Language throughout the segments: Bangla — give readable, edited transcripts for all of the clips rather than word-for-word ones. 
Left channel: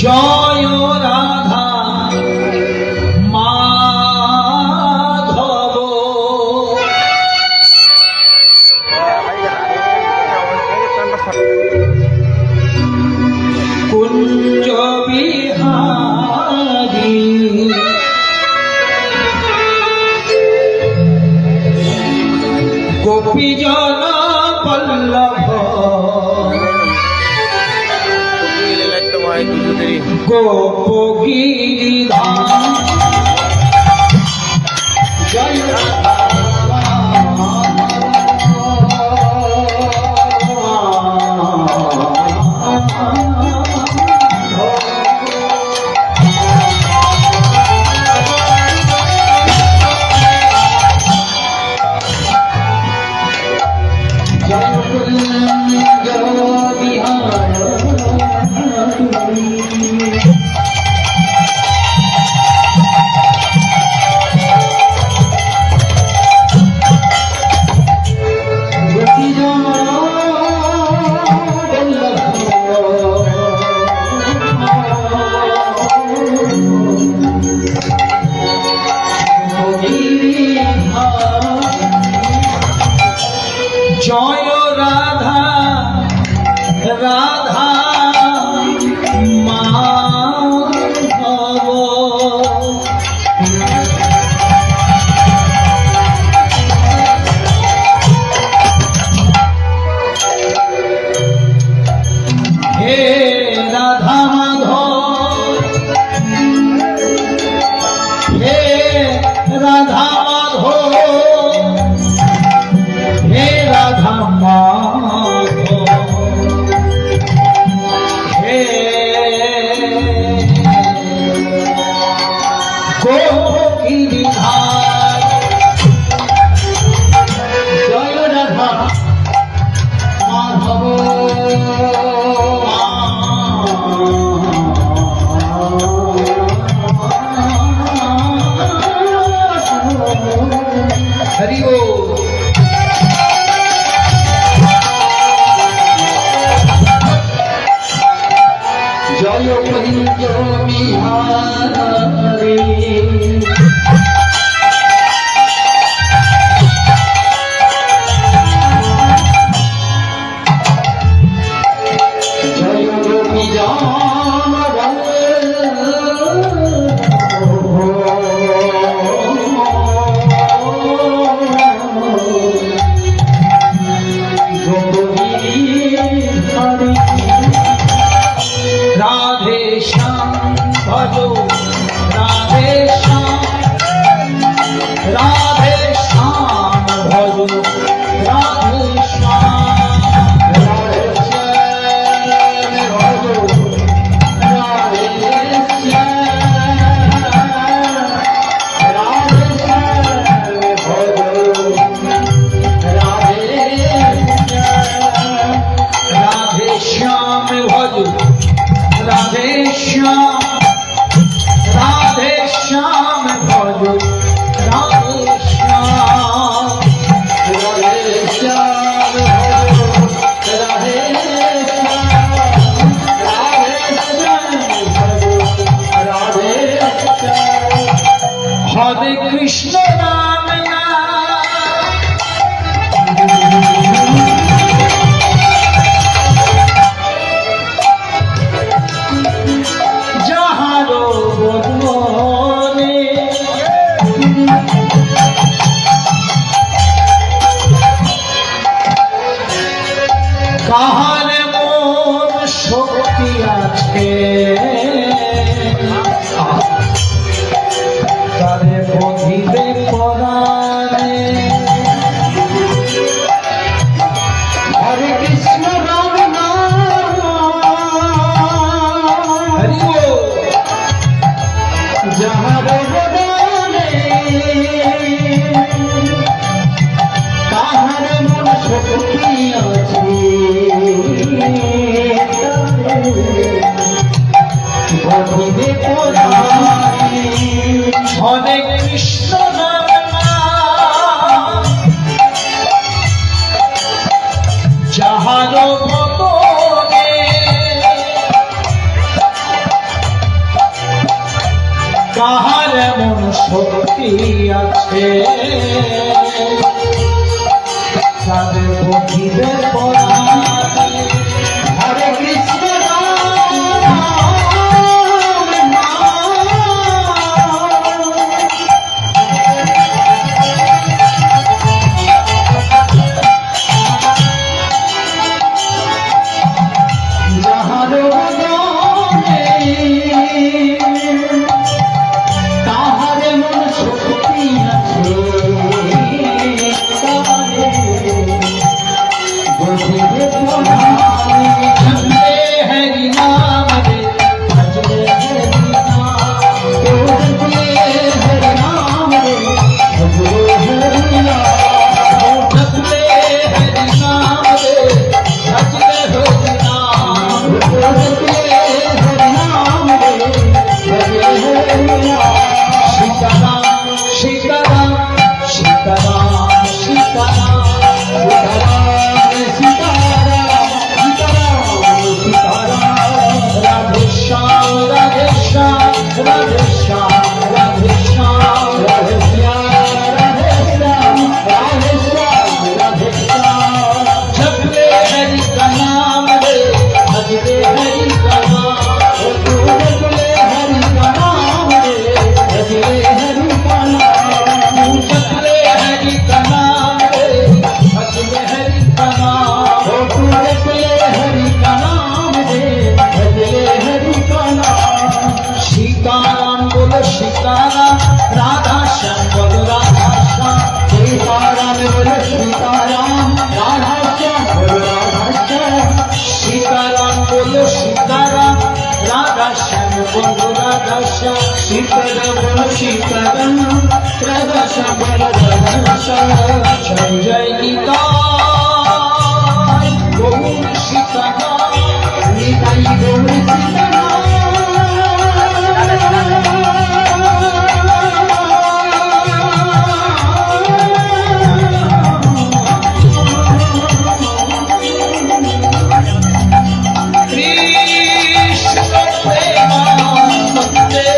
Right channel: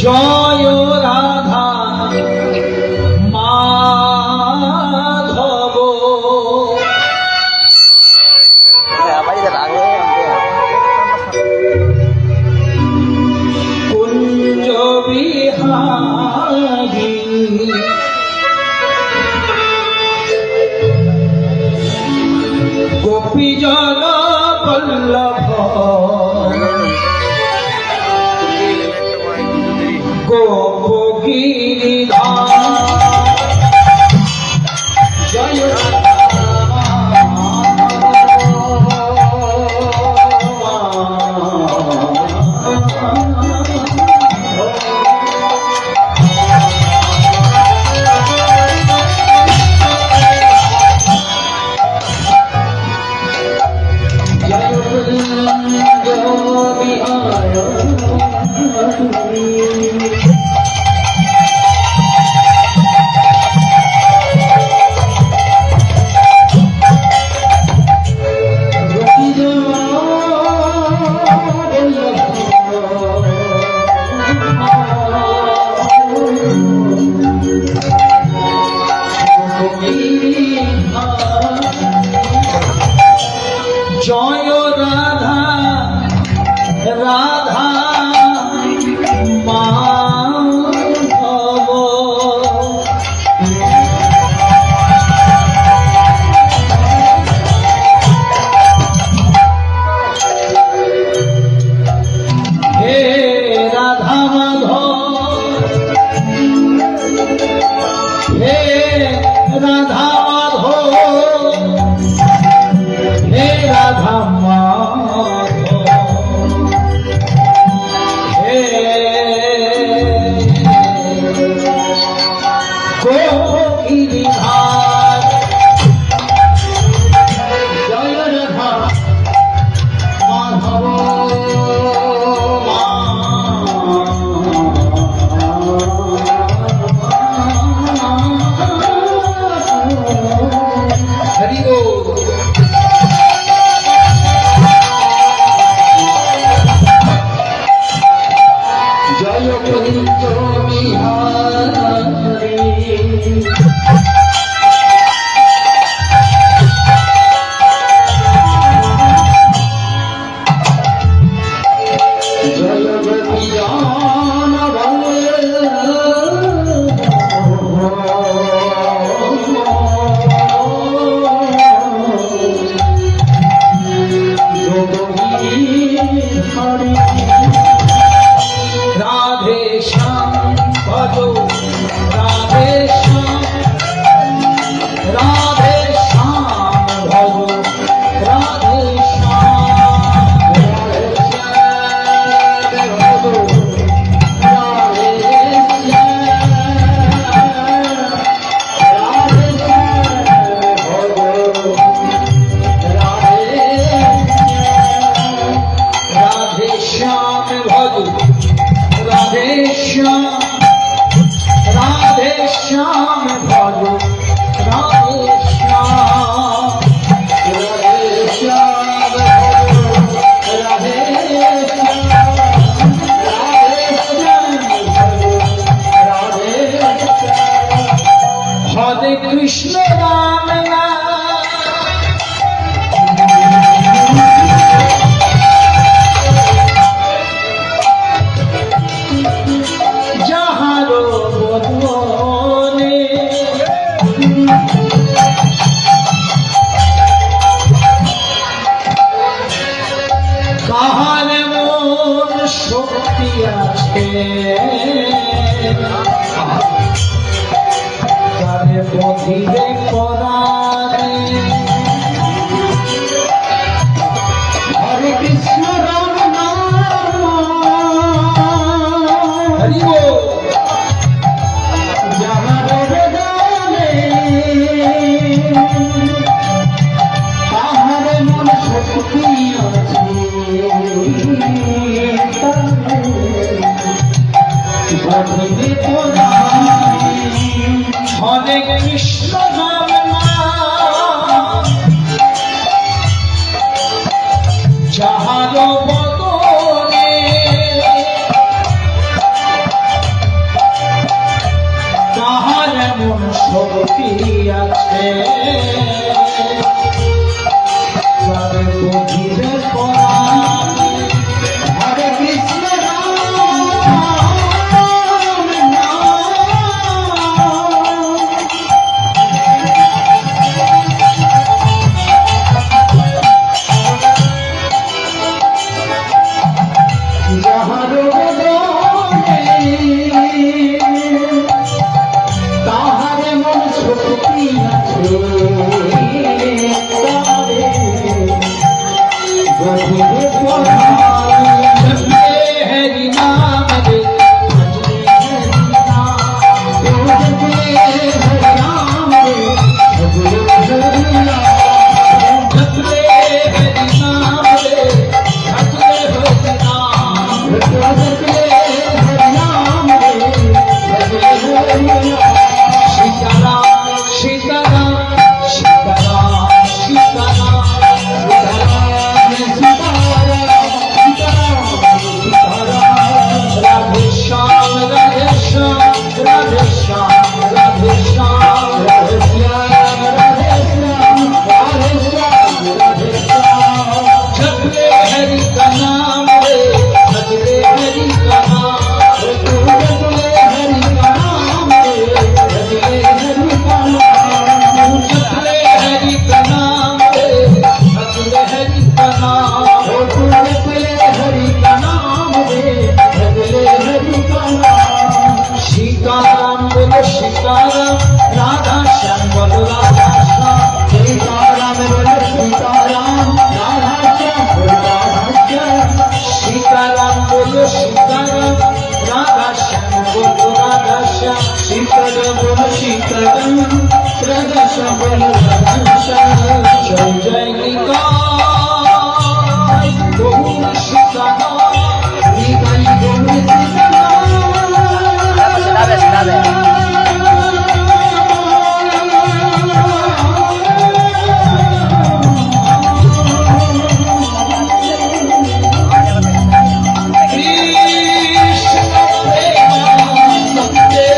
জয় রাধা মাধব কুঞ্জ বিহারী গোপীজন বল্লভ গোপগিরিধাম জয় জয় রাধা রাধা হে রাধা মাধব হে রাধা হে রাধা হে গোপগিরিধাম জয় রাধা মাধব হরি বল জয় কুঞ্জ বিহারী জয় গোপীজন রাধে শ্যাম ভজো রাধে শ্যাম রাধে শ্যাম ভজো রাধে শ্যাম রাধে শ্যাম ভজো রাধে শ্যাম রাধে শ্যাম ভজো রাধে শ্যাম আছে তারে বধিবে পরাণে। হরে কৃষ্ণ রাম নাম হরি বল যাহার বদনে কাহার মন শক্তি আছে বধিবে পরাণে। হরে কৃষ্ণ রাম নাম যাহার বদনে কাহার মন শক্তি আছে তারে বধিবে পরাণে। হরে কৃষ্ণ রাম নাম যাহার বদনে তাহার মন শক্তি আছে তারে বধিবে পরাণে। জপলে হরি নাম রে ভজলে হরি নাম জপলে হরি নাম রে ভজলে হরি নাম জপলে হরি নাম রে ভজলে হরি নাম জপলে হরি নাম রে ভজলে হরি নাম। সীতারাম সীতারাম সীতারাম সীতারাম সীতারাম সীতারাম সীতারাম রাধে শ্যাম রাধে শ্যাম রাধে শ্যাম রাধে শ্যাম রাধে শ্যাম রাধে শ্যাম রাধে শ্যাম রাধে শ্যাम। जपले हरि का नाम रे भजले हरि का नाम जपले हरि का नाम रे भजले हरि का नाम जपले हरि का नाम रे भजले हरि का नाम जपले हरि का नाम रे भजले हरि का नाम। सीताराम बोलो सीताराम राधा श्याम बोलो राधा श्याम सीताराम बोलो सीताराम राधा श्याम बोलो राधा श्याम सीताराम बोलो सीताराम राधा श्याम बोलो राधा श्याम सीताराम बोलो सीताराम राधा श्याम बोलो राधा श्याम। जय जय निताय गौर सीताराम निताय गौर कृष्ण प्रेमानंदे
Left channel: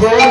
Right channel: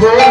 Hare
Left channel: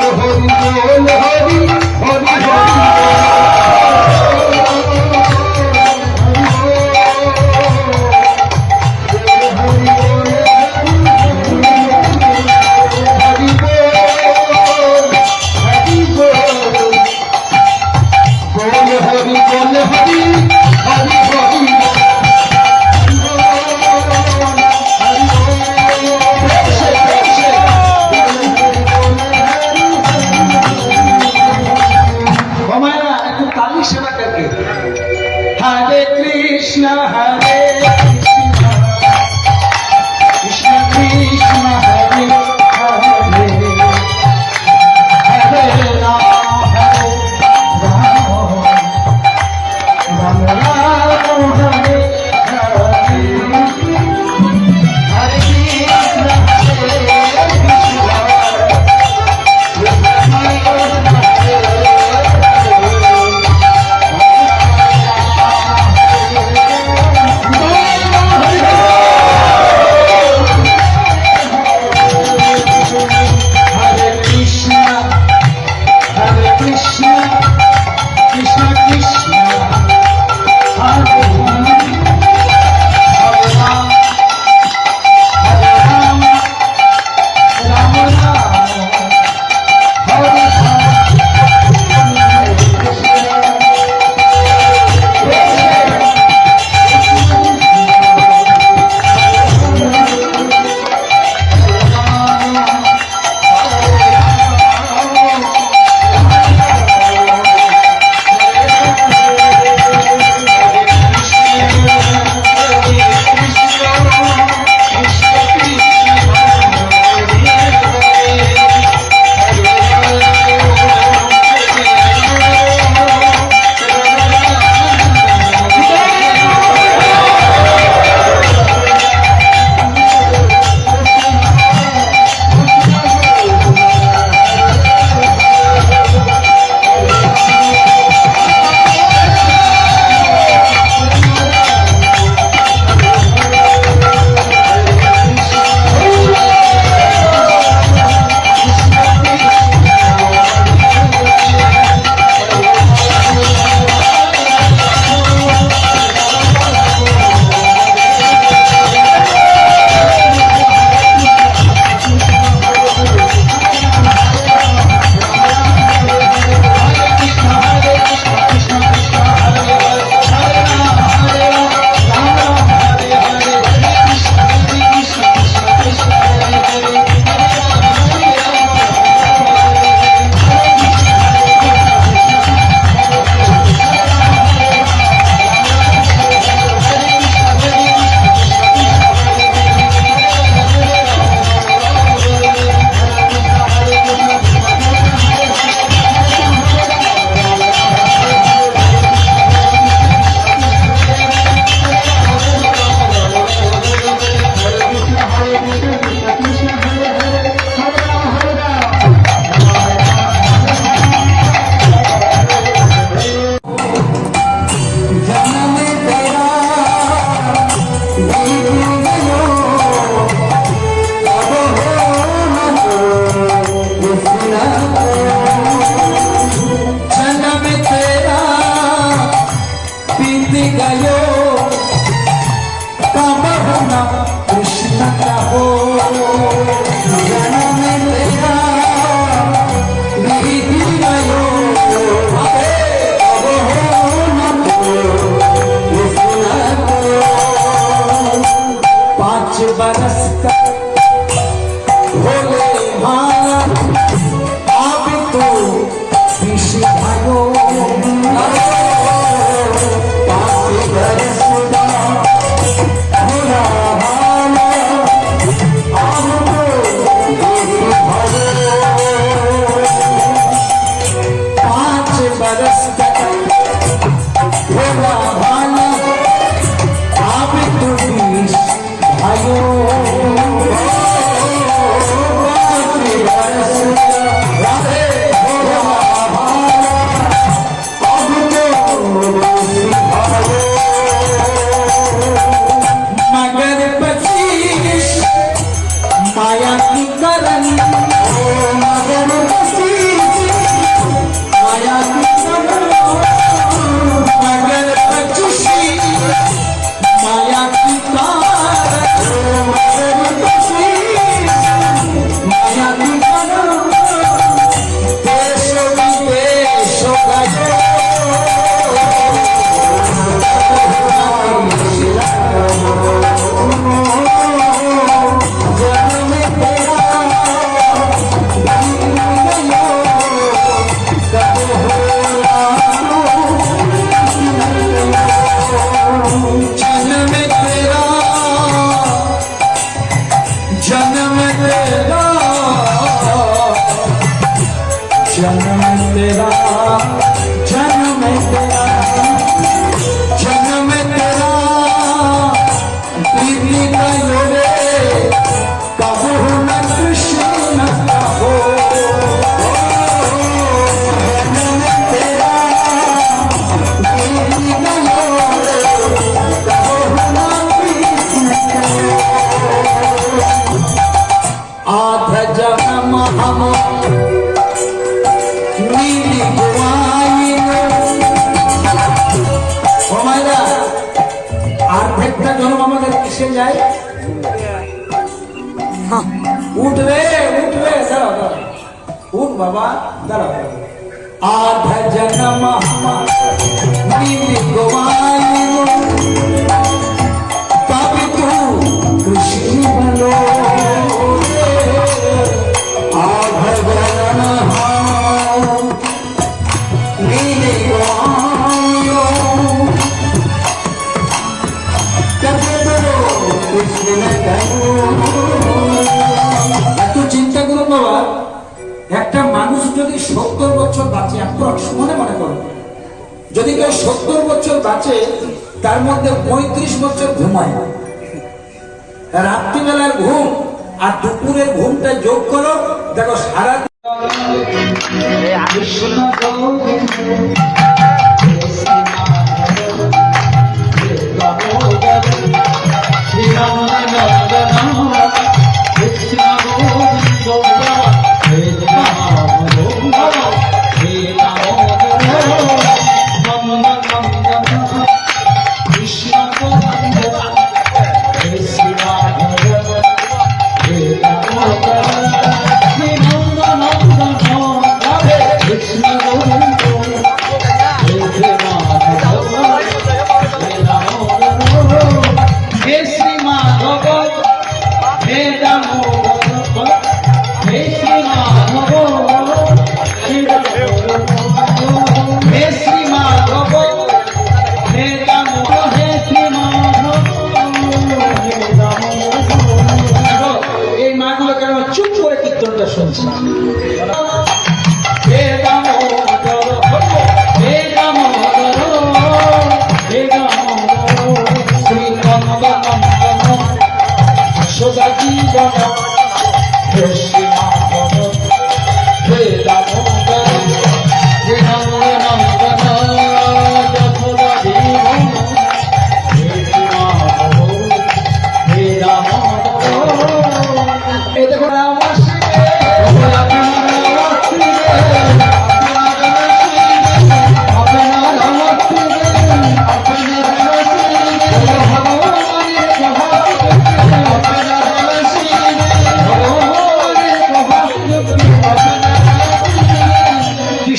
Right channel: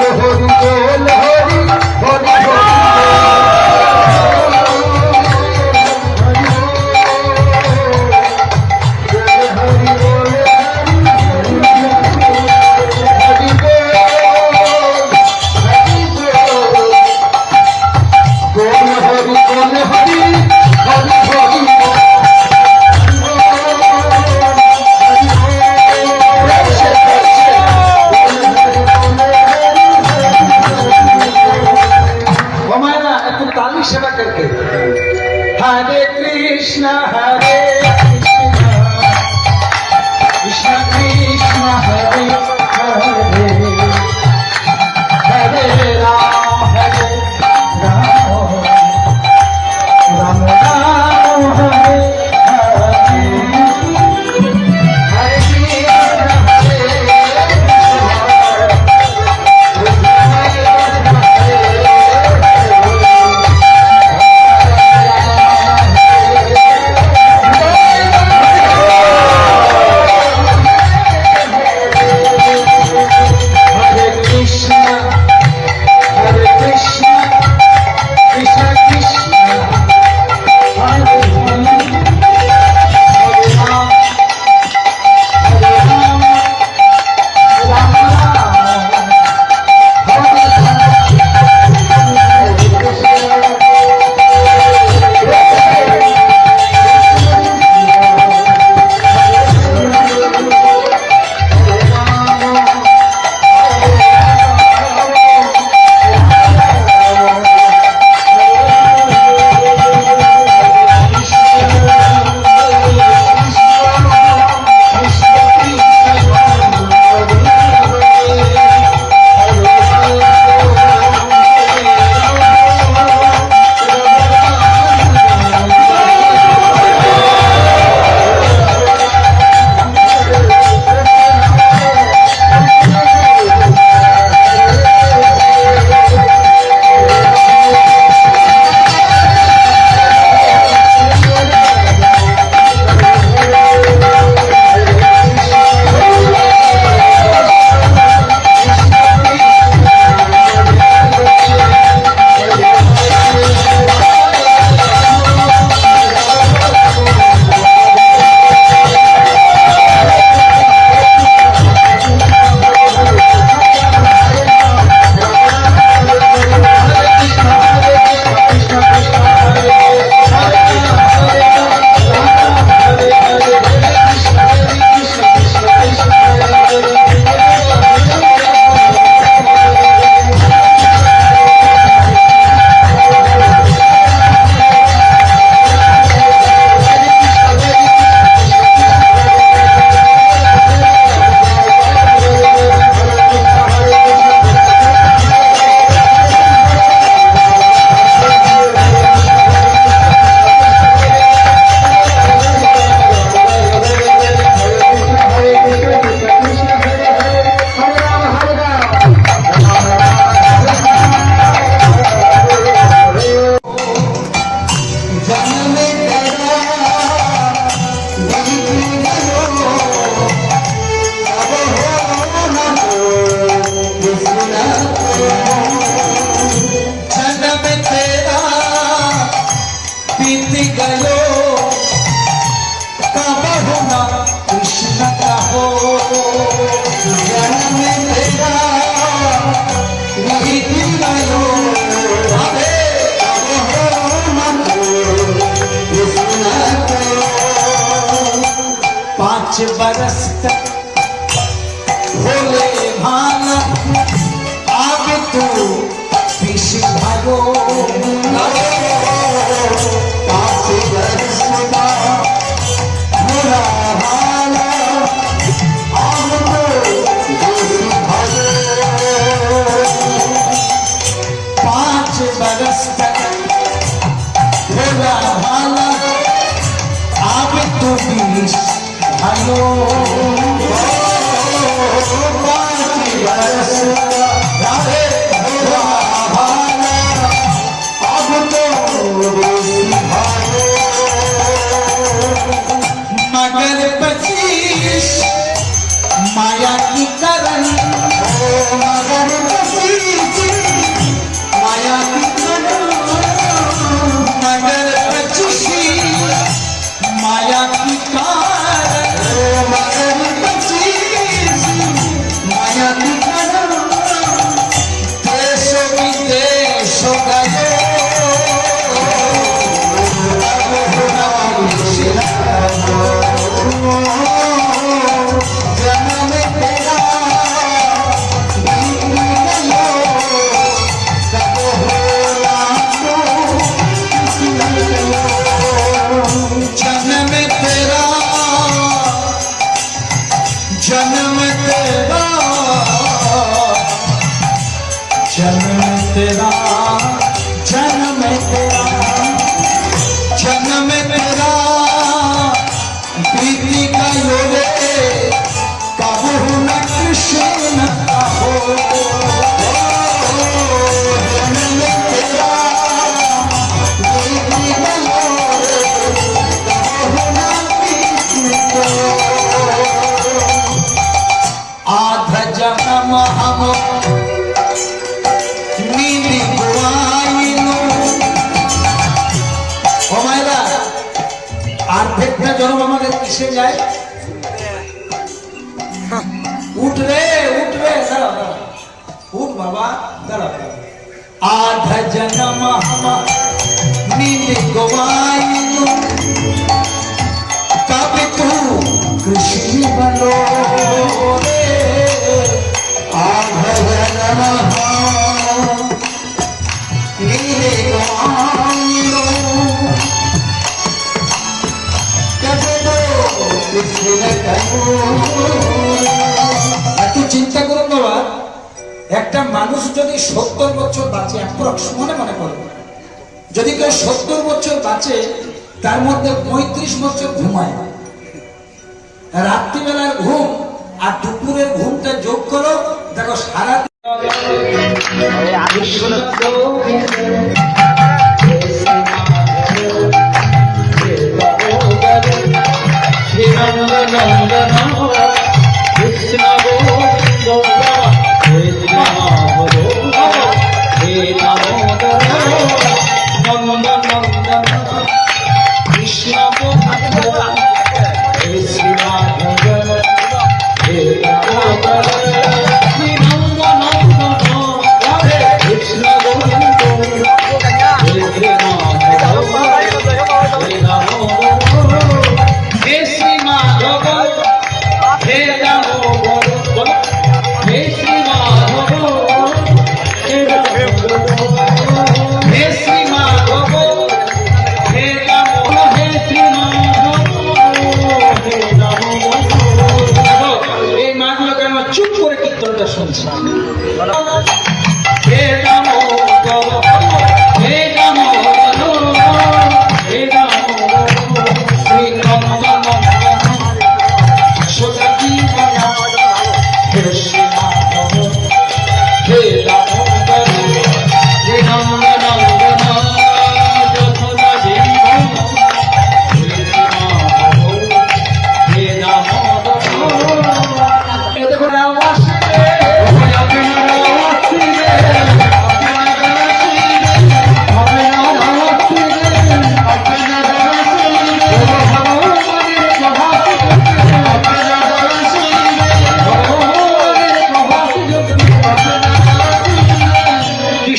जन्म तेरा जन्म तेरा जन्म तेरा बीती गयो रे कबू न कृष्ण कहो जन्म तेरा बीती गयो रे कबू न कृष्ण कहो आध जन्म हम नीली गुआइनो हमारा आधेकটা জন্ম আমাদের কিসে যায় উঠ রে দাঁড়াও উঠ বাবা দাঁড়াও आध जन्म हम नीली गुआइनो कब तू कृष्ण बनो এত চিন্তা করুন বাবা একটা মানুষ যদি 70 বছর বাঁচে মনে মনে করো যদি কেউ 70 বছর বাঁচে তার মধ্যে 35 বছর ঘুমায় রাত্রিবেলার ঘুম আর দুপুরের ঘুমটা যোগ করো দেখো সারা কৃষ্ণ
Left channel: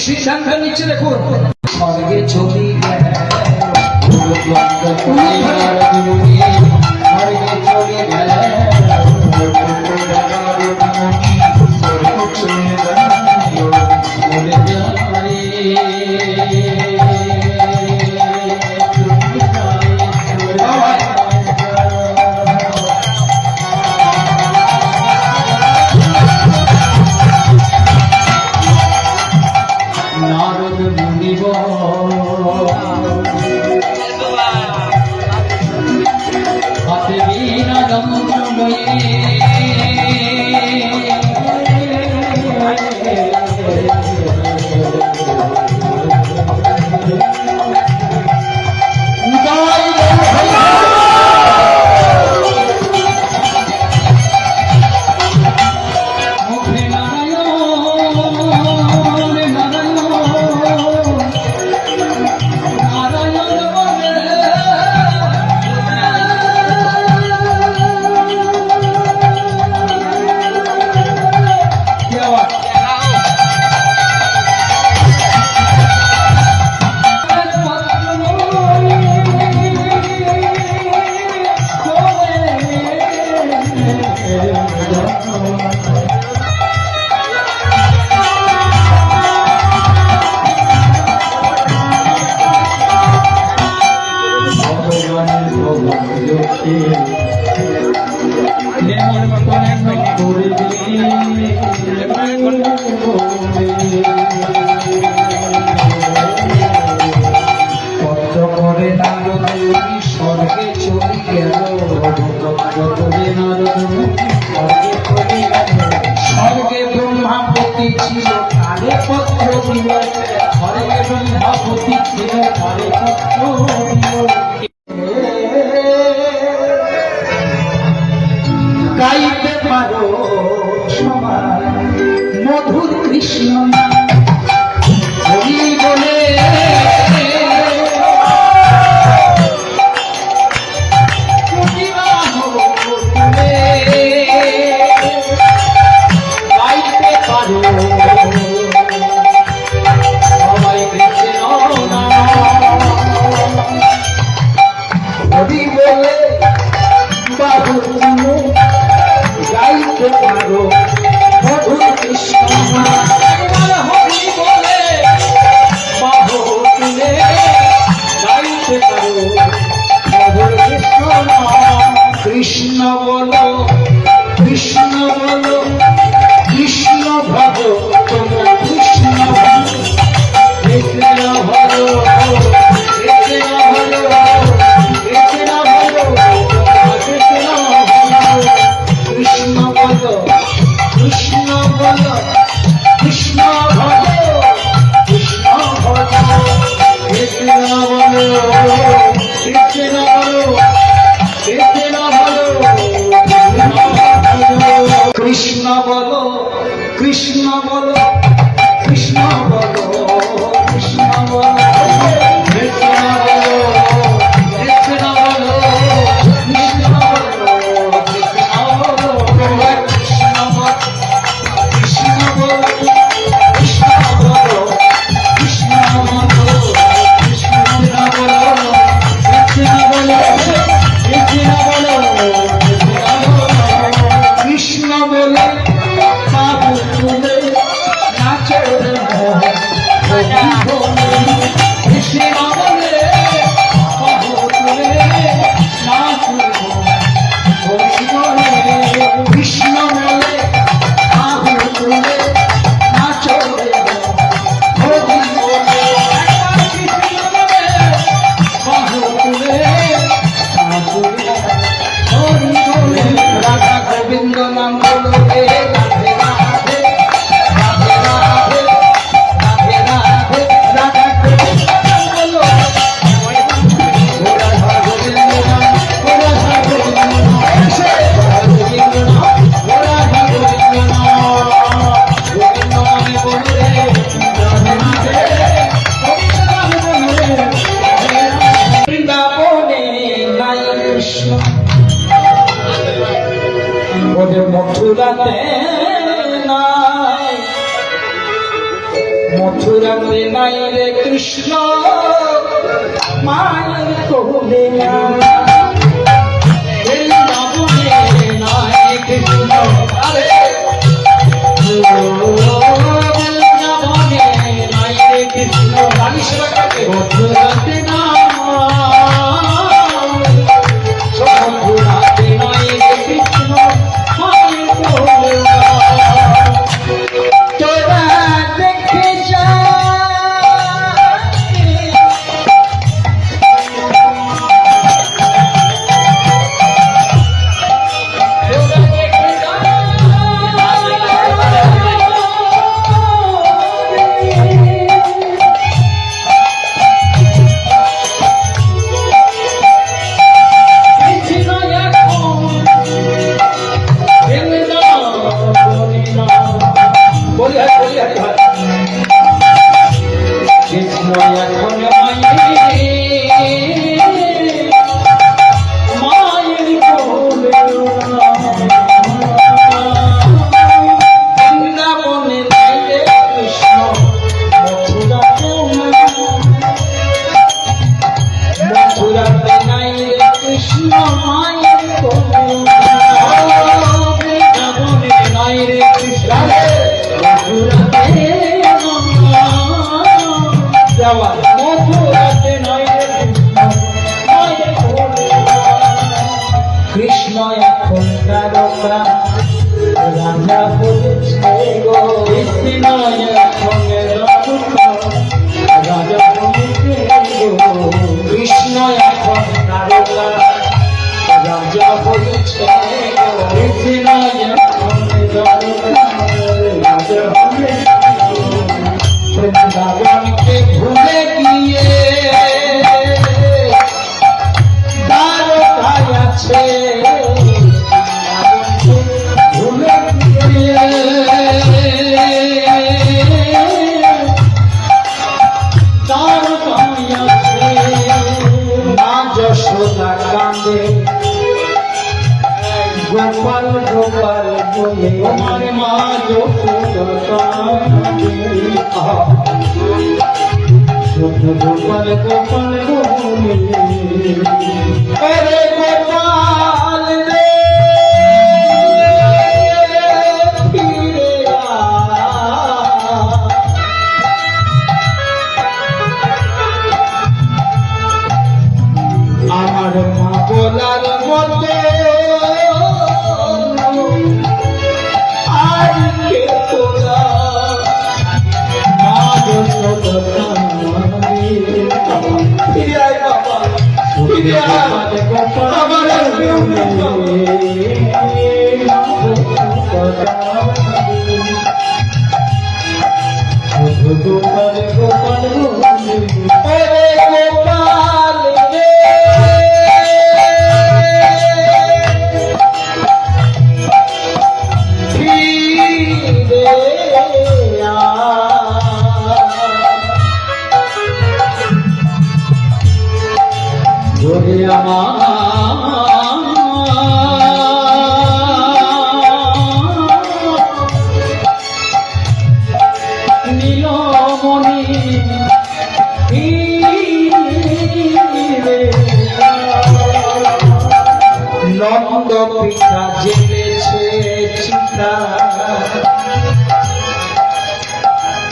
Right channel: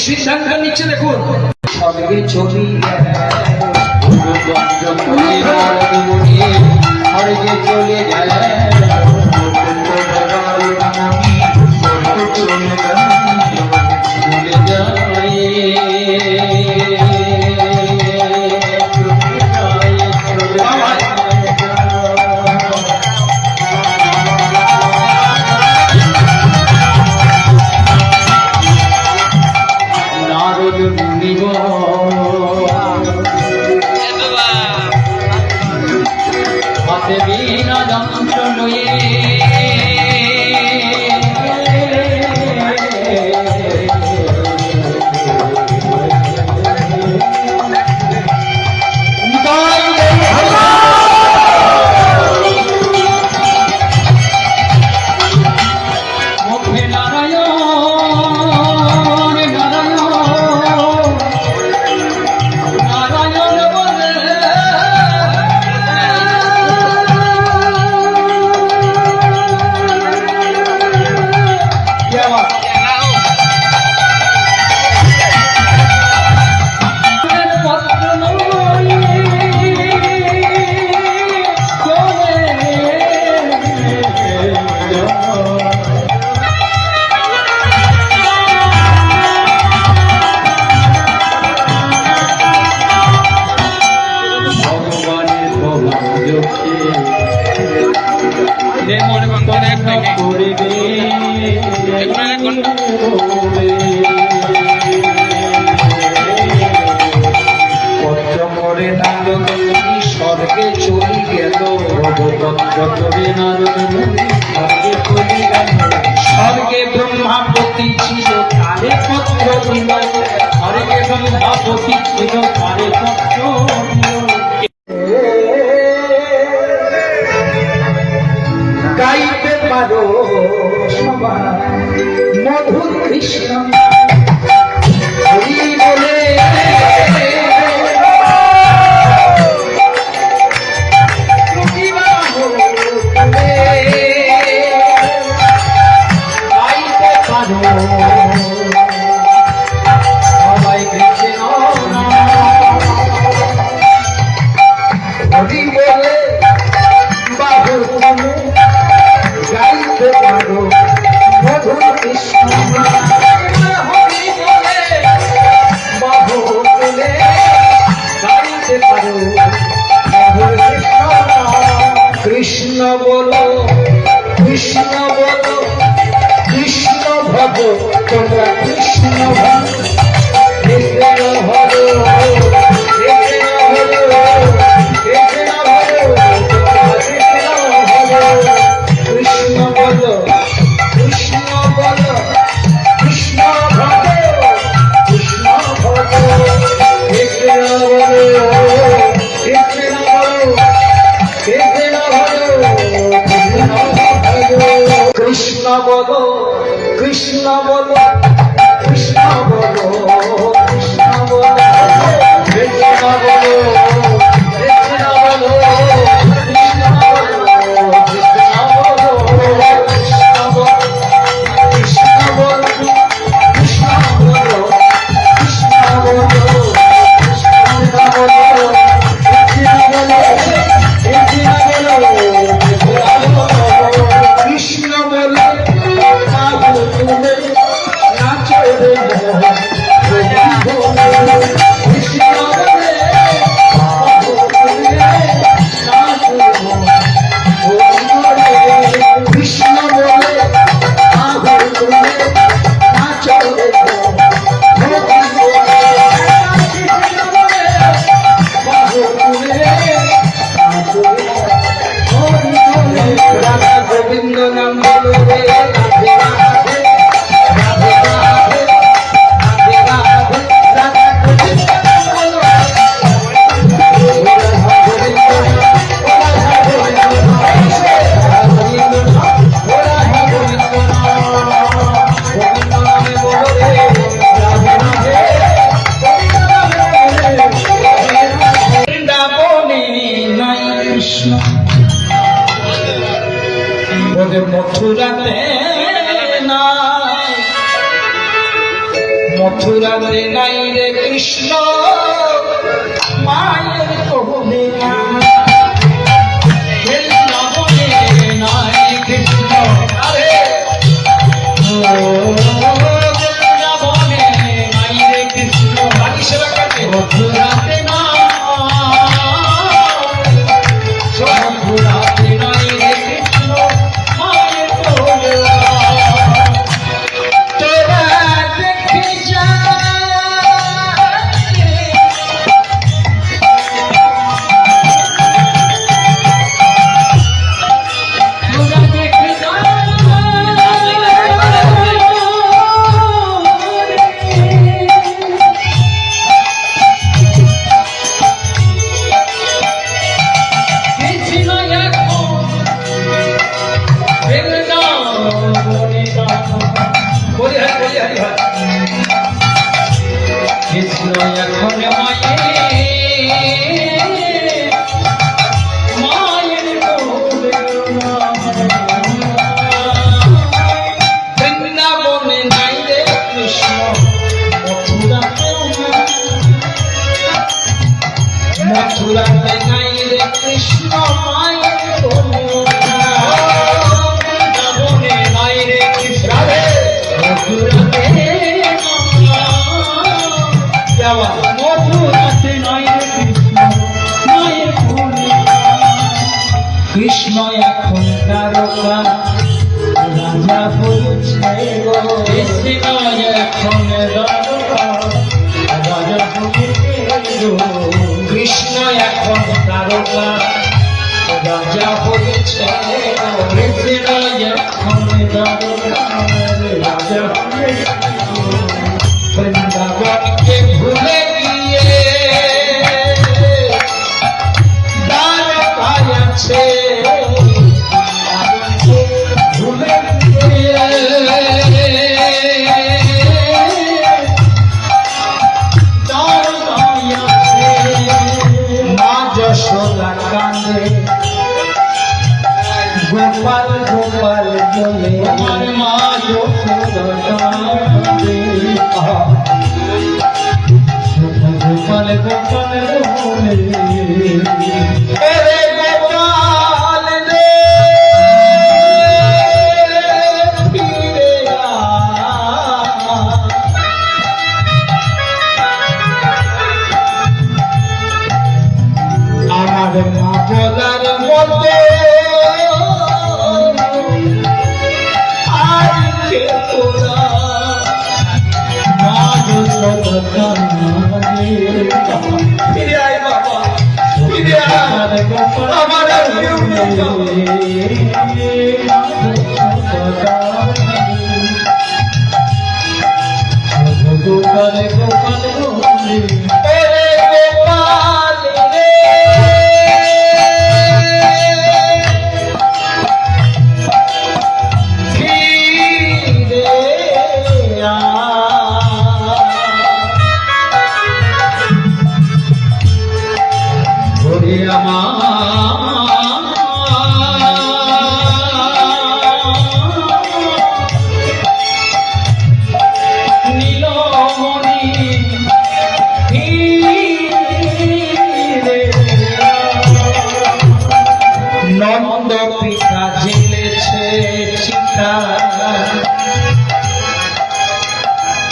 সিদ্ধান্ত নিচ্ছে দেখুন সঙ্গে ছবি স্বর্গে চলে যায় হাতে বীণা যন্ত্র নয়ে আসিল তারে পত্র দিল হরে কেবল ভগবতী ছিল তারে পত্র দিল গাইতে পারো সবাই মধুর কৃষ্ণ হরি বলে সবাই কৃষ্ণ হরি বলে বাবু গাইতে পারো মধুর কৃষ্ণ হরি বলে বাবু তুলে গাইতে পারো মধুর কৃষ্ণ কৃষ্ণ বলো কৃষ্ণ বলো কৃষ্ণ ভব তোমরা কৃষ্ণ ভব কৃষ্ণ ভব কৃষ্ণ ভব কৃষ্ণ ভব কৃষ্ণ বলো কৃষ্ণ বলো কৃষ্ণ ভব কৃষ্ণ ভব কৃষ্ণ বলো কৃষ্ণ বলো কৃষ্ণ বলো কৃষ্ণ বলো কৃষ্ণ বলো কৃষ্ণ বলো কৃষ্ণ বলো কৃষ্ণ বলো কৃষ্ণ বলো কৃষ্ণ বলো কৃষ্ণ বলো কৃষ্ণ বলো কৃষ্ণ বলো কৃষ্ণ বলে বাবু তুলে নাচে কৃষ্ণ বলে বাবু তুলে নাচে কৃষ্ণ বলে বাবু তুলে নাচে রাধা গোবিন্দ নাম বলো রে রাধে রাধে রাধে রাধে রাধে রাধে রাধা গোবিন্দ নাম বলো রাধা গোবিন্দ নাম রাধা গোবিন্দ নাম রাধা গোবিন্দ নাম রাধা গোবিন্দ নাম গোবিন্দ নামে বলো রে রাধে রাধে বৃন্দাবনে নাই কৃষ্ণ ওদের মথুরাতে নাই মথুরাতে নাই রে কৃষ্ণ মায়ের কোলে বৃন্দাবনে নাই কৃষ্ণ আরে বৃন্দাবনে নাই রে কৃষ্ণ মানুষের কাছে মথুরাতে নাই মথুরাতে নাই রে কৃষ্ণ তোরা দেখে যা তোরা দেখে যা কৃষ্ণ এখন মায়ের কোলে বৃন্দাবনে নাই রে কৃষ্ণ মথুরাতে নাই রে কৃষ্ণ মায়ের কোলে বৃন্দাবনে নাই রে কৃষ্ণ মথুরাতে মথুরাতে নয় বলে আমার মা গোপাল গোপাল বলে আরে গোপাল রে ফিরে আমার মা বলার মতো আর কে তোরা ফিরে আয় বাবা ফিরে আয় আমার গোপাল গোপাল গোপাল রে ফিরে ওরে আমার নীলমণি নন্দ পিতা জেলেছে চিতা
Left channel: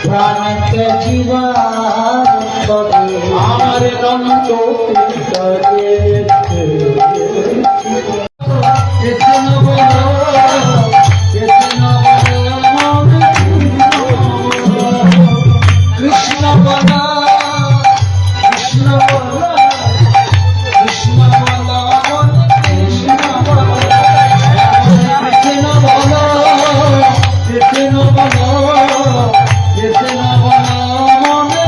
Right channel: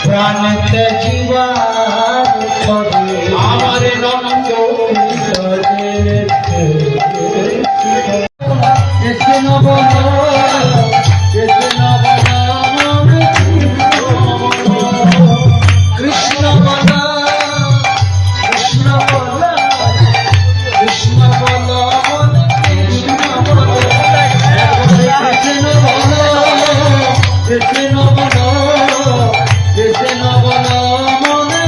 প্রাণতে জীবার আমার নন্দ পিতা জেলেছে কৃষ্ণ বলা কৃষ্ণ বলা কৃষ্ণ বলা কৃষ্ণ বলা কৃষ্ণ বলা কৃষ্ণ বলা কৃষ্ণ বলা মনে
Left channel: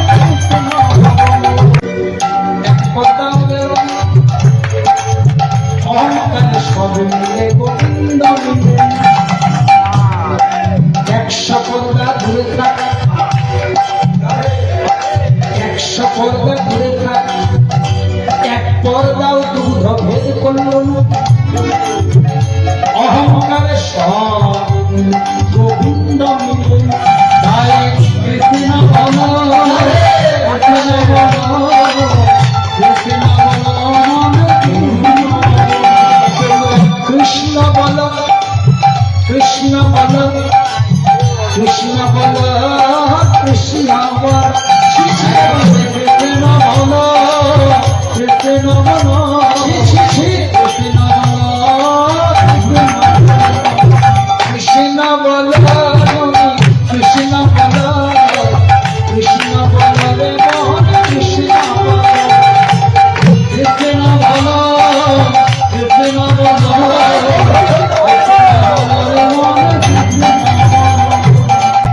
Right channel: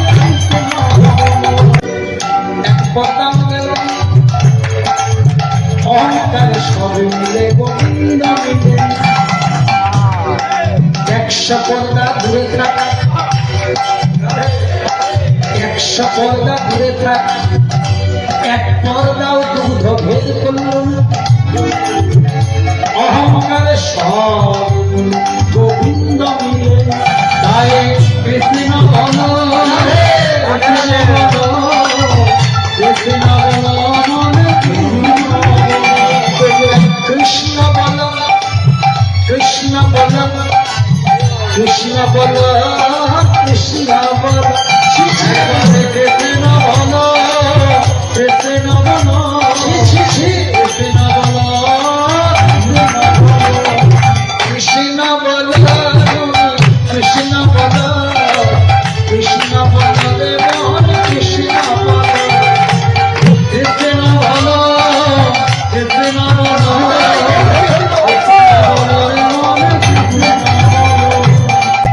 এক পতঙ্গ অহংকার সব মিলে গোবিন্দ মিলে একশো পর্দা দূরে থাক একশো পর্দা দূরে থাক এক পর্দাও দুধ ভেদ করল অহংকার সব গোবিন্দ মিলে তাই কৃষ্ণ বল কৃষ্ণ বল কৃষ্ণ বল কৃষ্ণ বল কৃষ্ণ বল কৃষ্ণ বল কৃষ্ণ বল কৃষ্ণ বল কৃষ্ণ বল কৃষ্ণ বল রে মন কৃষ্ণ বল কৃষ্ণ বল কৃষ্ণ বল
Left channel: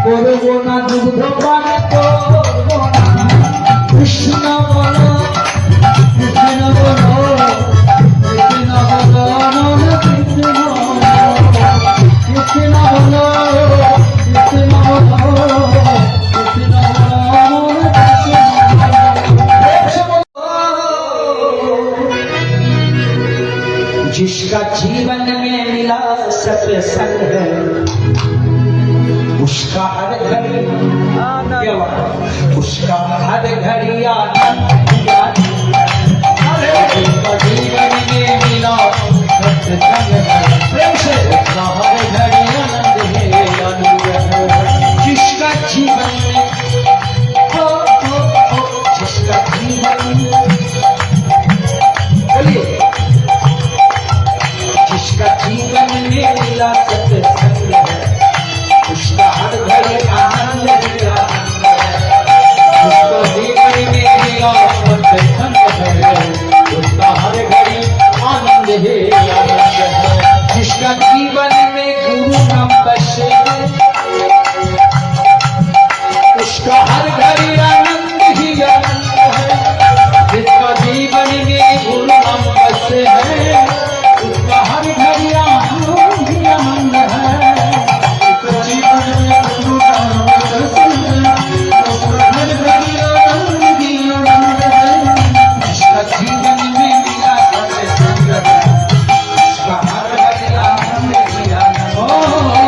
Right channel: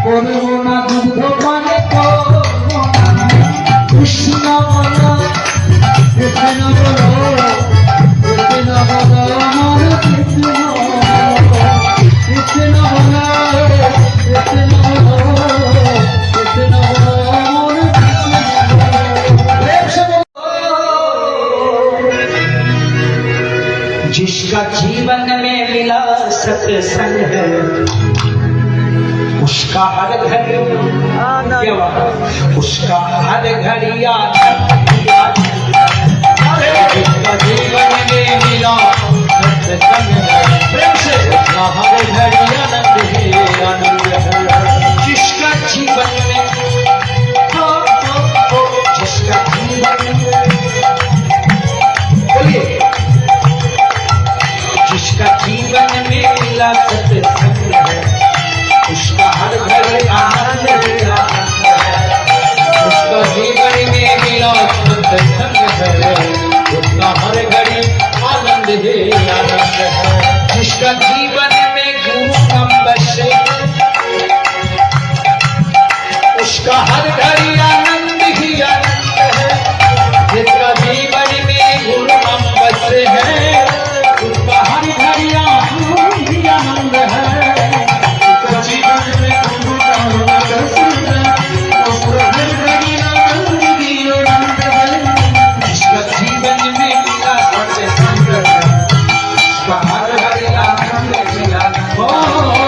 করবো না দুগ্ধ পান করবো কৃষ্ণ বল কৃষ্ণ বল কৃষ্ণ বল কৃষ্ণ কৃষ্ণ বল কৃষ্ণ বল কৃষ্ণ बल जिसका जीवन में मिला सत्संग है उसका हर घड़ी क्या बात उसका हर घड़ी जिसका जीवन में मिला सत्संग है उसका हर घड़ी आनंद है जिसका जीवन में जिसका जीवन बोलिए जिसका जीवन में मिला सत्संग है उसका हर घड़ी आनंद ही आनंद है उसका जीवन में मिला सत्संग है उसका हर घड़ी आनंद ही आनंद है जिसका जीवन में गुरु नाम बसे उसका हर घड़ी आनंद ही आनंद है जिसका जीवन में गुरु नाम बसे है उसका हर घड़ी आनंद ही आनंद है जीवन में गुरु नाम बसे है उसका हर घड़ी आनंद ही आनंद है जिसका जीवन में मिला सत्संग है उसका हर घड़ी आनंद ही आनंद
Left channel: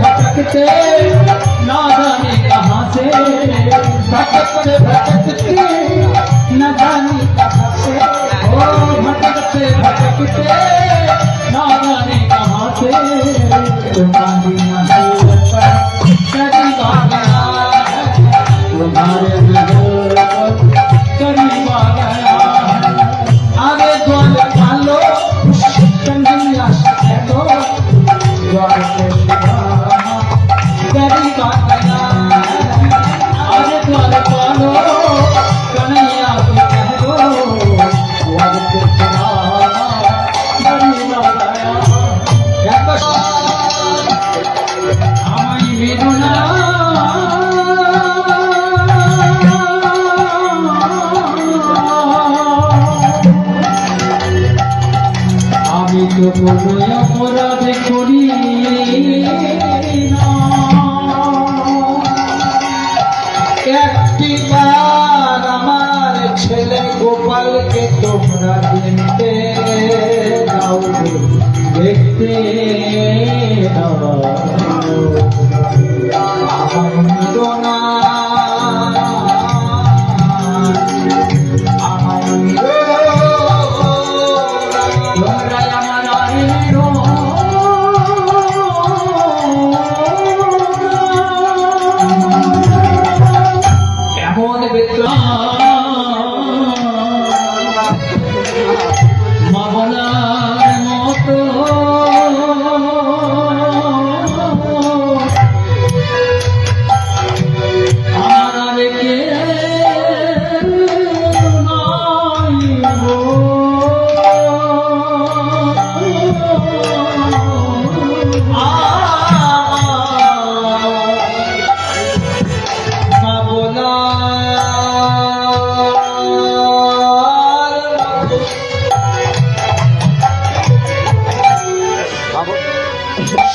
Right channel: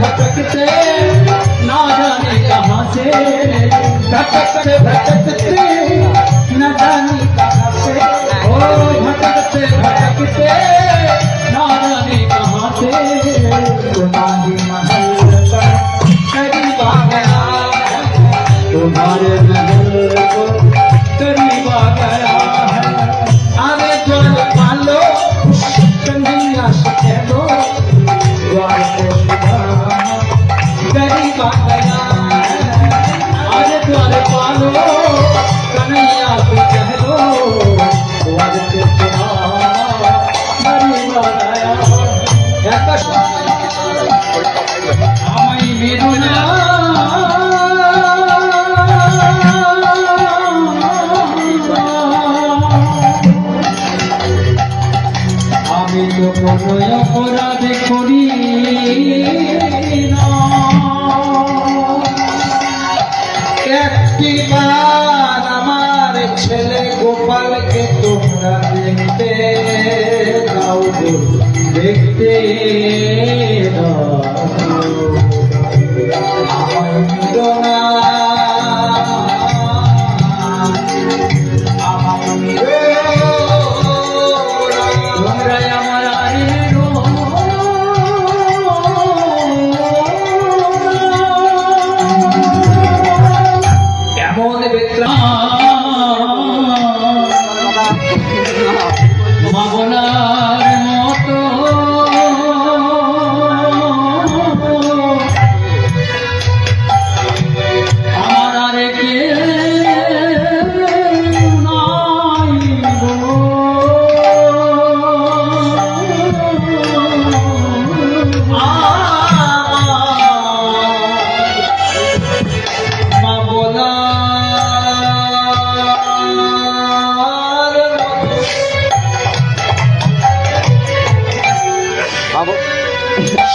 भटकते ना जाने कहाँ से भटकते भटकते न जाने कहाँ से ओ भटकते भटकते ना जाने कहाँ से तुम्हारी महल पर करीब आ गया है तुम्हारे महल पर करीब आ गया है आगे द्वार पालो कन्हैया से दो द्वार को करीब आ गया है आगे द्वार पालो कन्हैया से कह दो द्वार को करीब आ गया আমায় বেদনা আমি তো কোনো অপরাধ করি না একটিবার আমার ছেলে গোপালকে তোমরা দেখতে দাও দেখতে দাও এমন মামলার মতো আমার কে নাই গো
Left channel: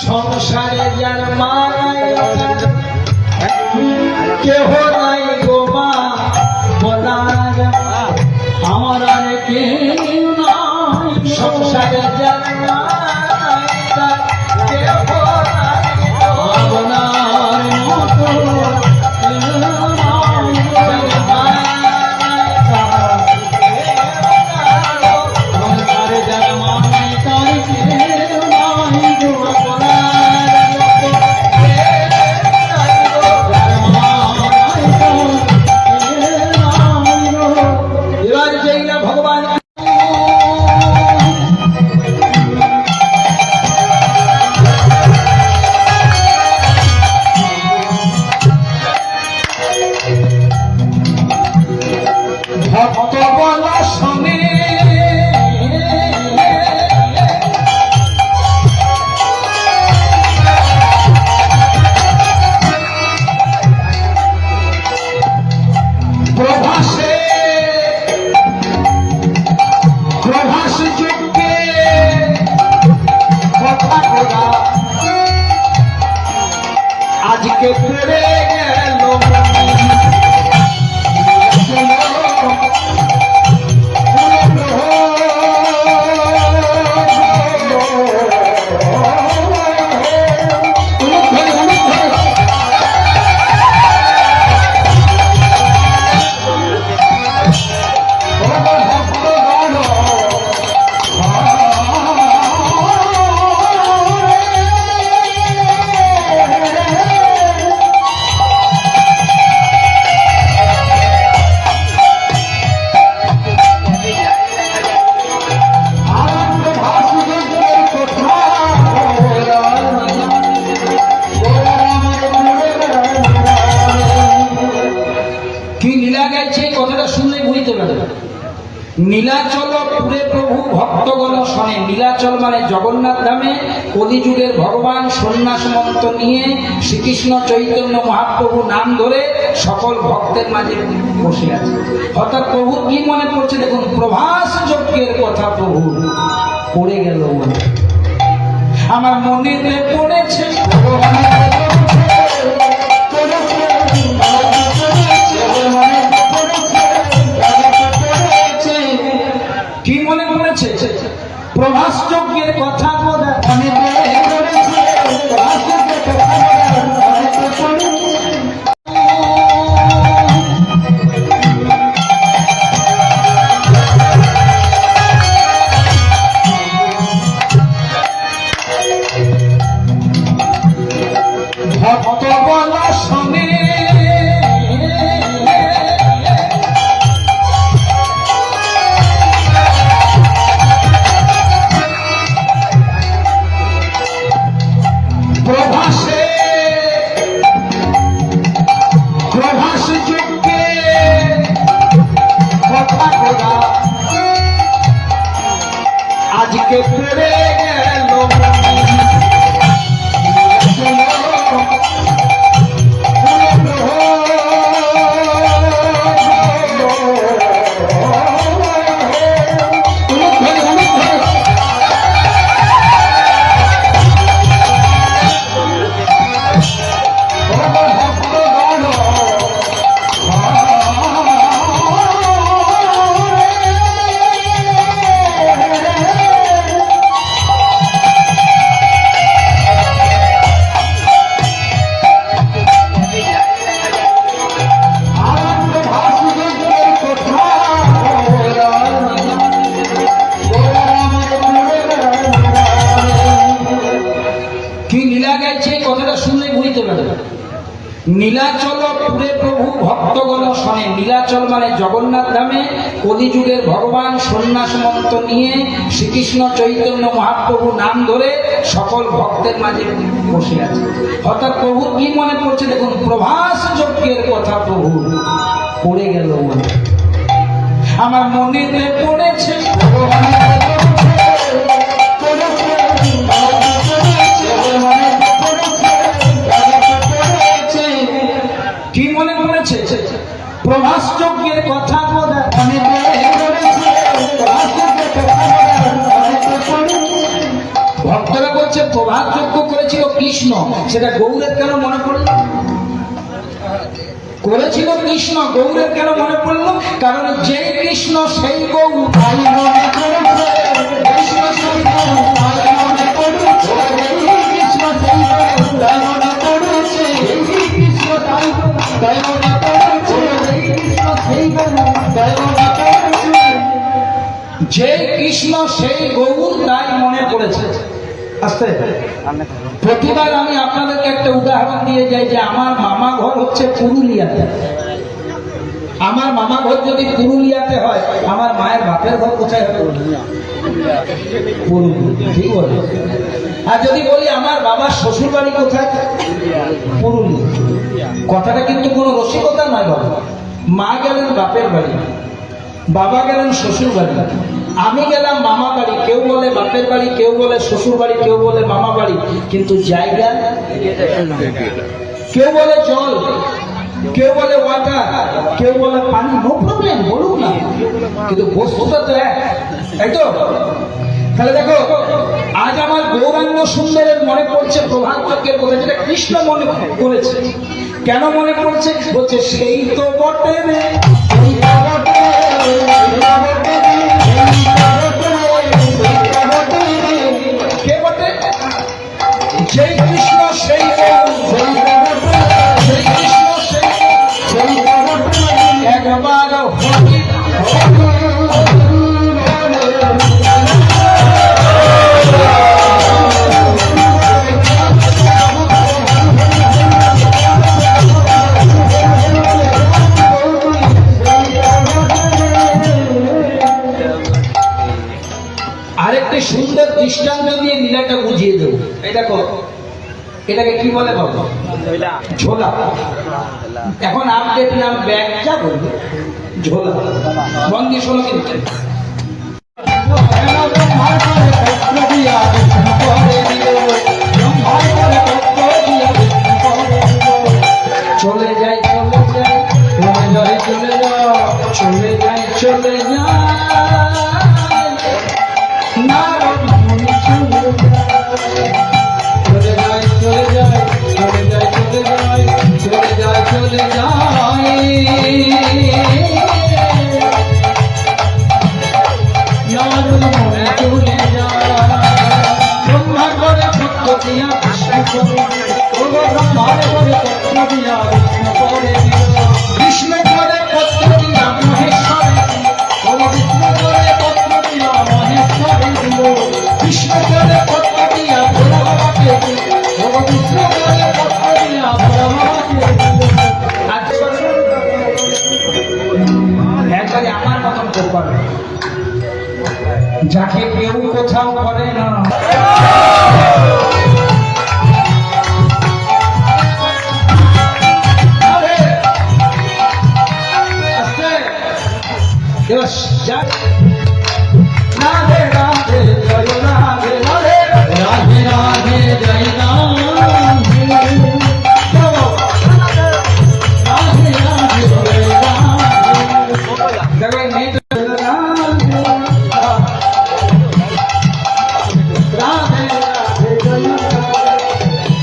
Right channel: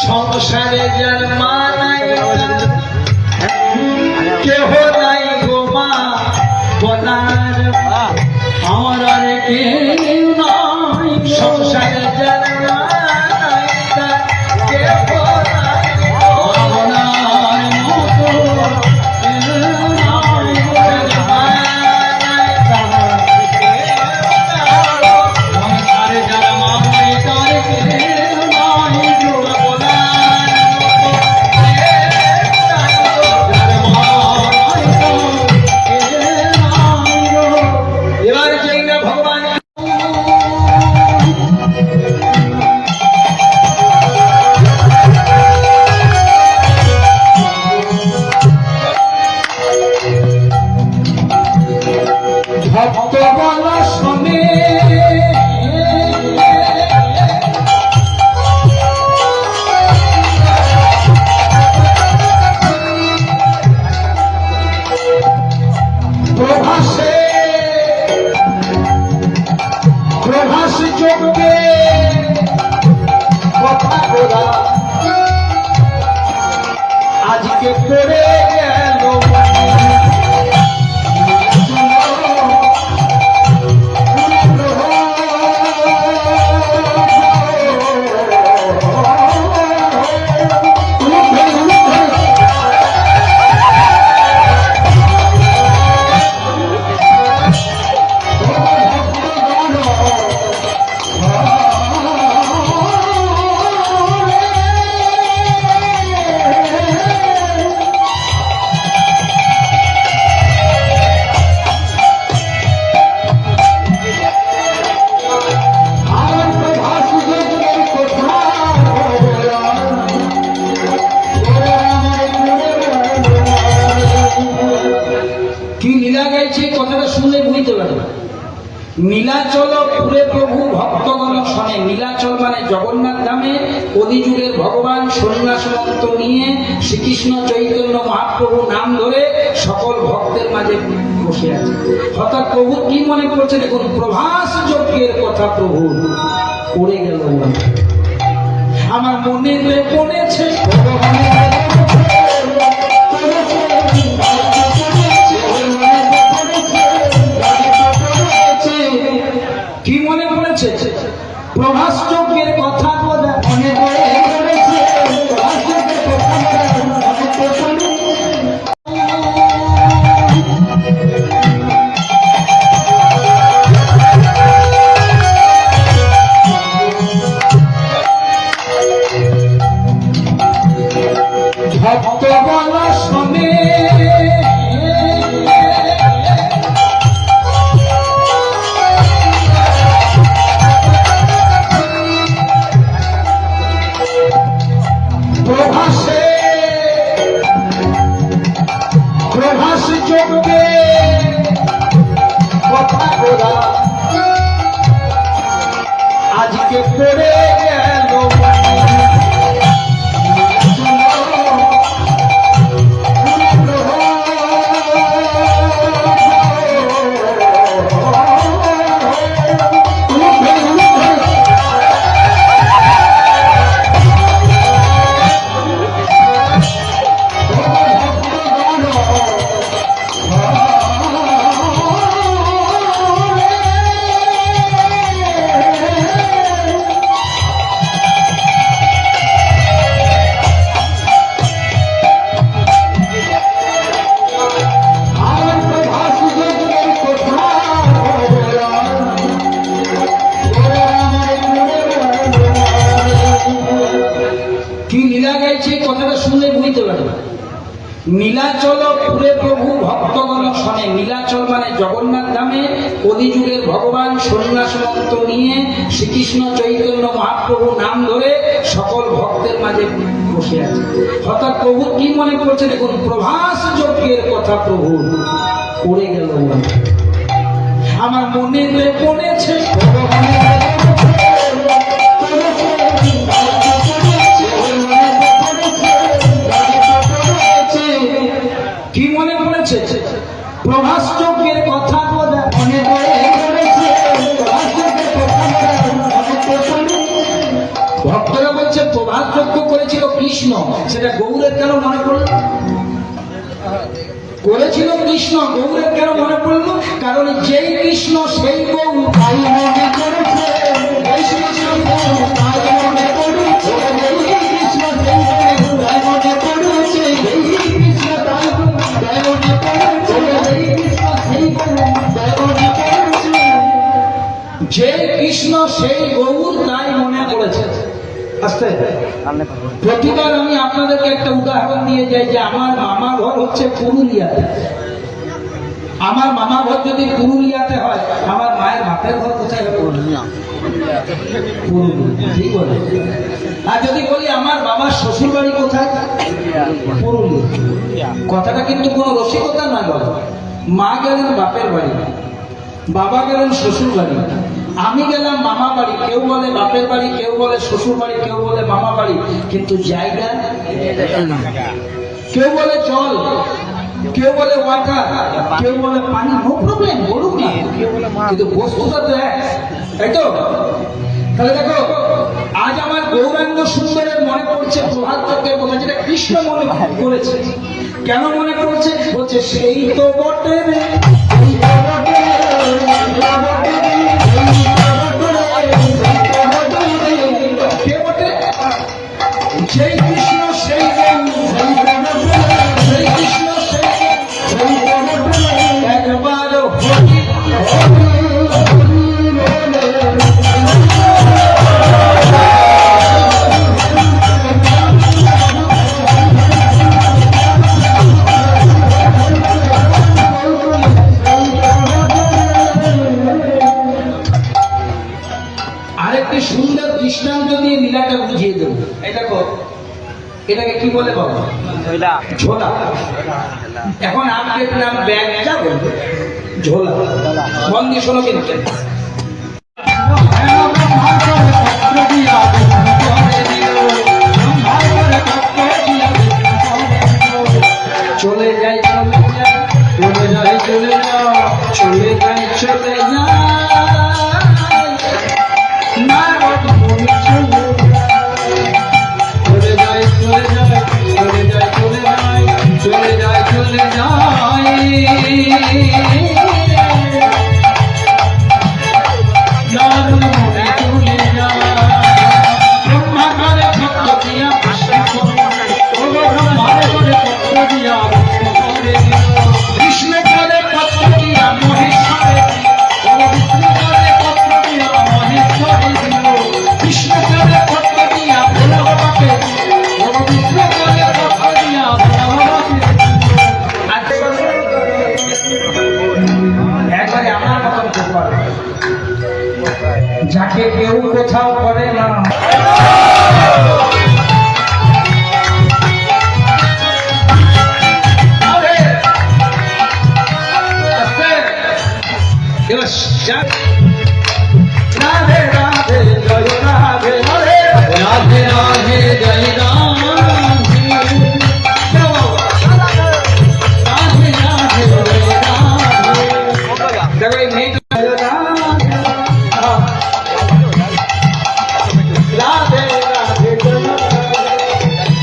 সংসারে যার মা নাই কেহ নাই গো মা বলার আমার আর কেউ নাই সংসারে যার মা নাই কেহ নাই গো বলার মতো কেউ নাই যার মা নাই তার কেউ নাই গো আমার যার মা নাই তার কেউ নাই গো ভক্ত বলা শোনে প্রভাস যোগ্যে কথা বলা আজকে পড়ে গেল নীলাচল পুরে প্রভু ভক্তগণ শোনে নীলাচল মানে জগন্নাথ ধামে কলিযুগের ভগবান সন্ন্যাস মন্ত্র নিয়ে শ্রীকৃষ্ণ চৈতন্য মহাপ্রভু নাম ধরে সকল ভক্তের মাঝে বসে আছে অর্থাৎ প্রভু কি মনে করছে দেখুন প্রভাস যজ্ঞের কথা প্রভু পড়ে গেল আমার মনে পড়েছে কি মনে পড়েছে প্রভাস যজ্ঞের কথা মনে পড়েছে নীলাচল পুরে প্রভু ভক্তগণ শোনে। নীলাচল মানে জগন্নাথ ধামে কলিযুগের ভগবান সন্ন্যাস মন্ত্র নিয়ে শ্রীকৃষ্ণ চৈতন্য মহাপ্রভু নাম ধরে সকল ভক্তের মাঝে বসে আছে। অর্থাৎ প্রভু কি মনে করছে দেখুন, প্রভাস যজ্ঞের কথা প্রভু পড়ে গেল মনে, আমার মনে পড়েছে কি মনে পড়েছে? প্রভাস যজ্ঞের কথা মনে পড়েছে। ভক্তরা বলছে প্রভাস যজ্ঞ করেছিল কৃষ্ণ, সেটা গৌরের কেন মনে পড়ল? করেছিল কৃষ্ণ, গৌরের কেন মনে পড়লো? কারণ যেই কৃষ্ণ সেই গৌ তাই মনে করেছে। যে কৃষ্ণ সেই গৌর তাই মনে করেছে। আস্তে প্রতিবার আমি আপনাদেরকে একটা উদাহরণ দিয়ে যাই যে আমার মামা ঘর হচ্ছে পুরুলিয়াতে। আমার মামা ঘর যদি পুরুলিয়াতে হয়, আমার মায়ের বাপের ঘর কোথায় হবে? পুরুলিয়া। ঠিক বলে। আর যদি বলি আমার বাবার শ্বশুর বাড়ি কোথায়? পুরুলিয়া। কথাটা কিন্তু কোনো রসিকতা নয় বাবা। মা গেলেন বাপের বাড়ি, বাবা গেলেন শ্বশুর বাড়ি, আমি গেলাম মামা বাড়ি। কেউ বলে বাপের বাড়ি, কেউ বলে শ্বশুর বাড়ি, কেউ বলে মামা বাড়ি, কিন্তু জায়গা কেউ বলে জল, কেউ বলে ওয়াটার, কেউ বলে পানি। নো প্রবলেম, বলুন না, কিন্তু বস্তুটা তো এক, তাই তো? তাহলে দেখো, আজ আমার গৌরাঙ্গ সুন্দরের মনে পড়ছে প্রভাত যজ্ঞের কথা, যেটা কৃষ্ণ মনে করেছে। কেন মনে পড়ছে? বলছে সেই তো বটে রে, কে বটে? সেই কৃষ্ণ সেই সেই কৃষ্ণ সেই একবার আরেকটি সুন্দর দৃষ্টান্ত দিয়ে লীলাটা বুঝিয়ে দেবো। এটা এটাকে কি বলে বাবা? ঝোলা। এখন আপডেট নাম ব্যাগটা বলবে ঝোলা। মন দিয়ে শোনো কিন্তু। চলে যায় চলে যায়, চলে যায় চলে যায়, চলে যায় চলে যায়, দিয়া কৃষ্ণ করে দিল কৃষ্ণ করে পত্র দিয়া মহেশ্বরে বিষ্ণু করে পত্র দিয়া মহেশ্বরে দিল কৃষ্ণ করে পত্র দিয়া ভোলা বাবাকে বিষ্ণু করে পত্র দিয়া ভোলা বাবাকে একবারে আমার মতন করবার যাকে কেউ কোথাও করে না রাধে রাধে জয় রাধে রাধে রাধে রাধে জয় রাধে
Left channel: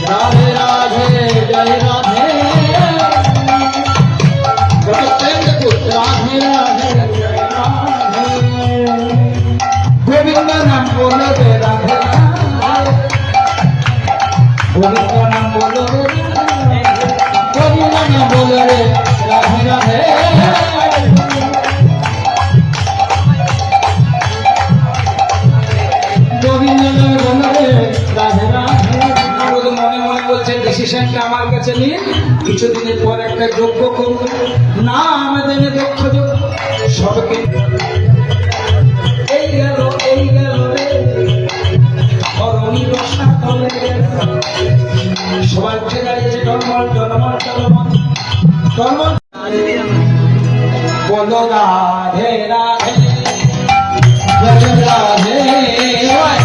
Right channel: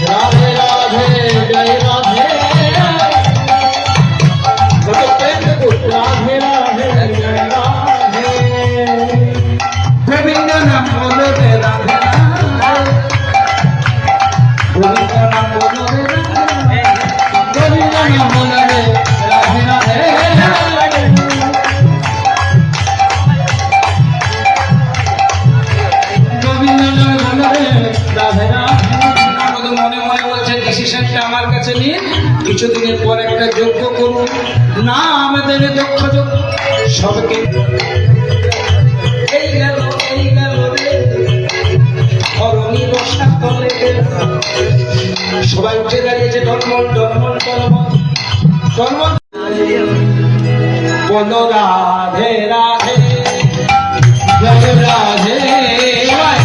রাধে রাধে জয় রাধে আমার কাছে নিয়ে কিছুদিনের পর একটা যজ্ঞ করব না আমাদের দক্ষ যজ্ঞ সবকে এই গেল রে অরণি বর্ষা করে সবাই উঠে দাঁড়িয়েছে টলমল টলমল টলমল টলমল বলো রাধে রাধে জয় রাধে জয়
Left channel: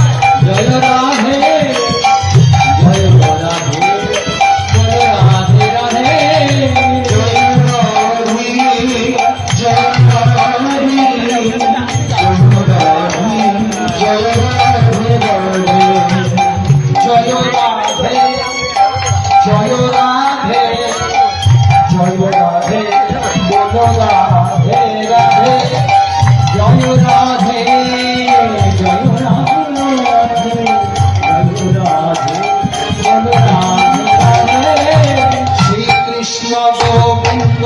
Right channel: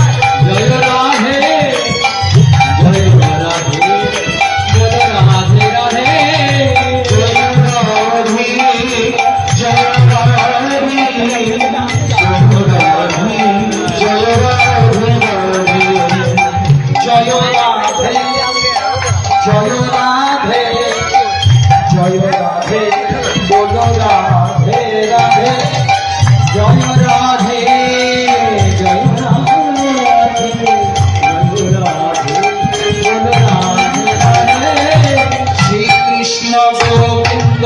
রাধে জয় রাধে গোবিন্দ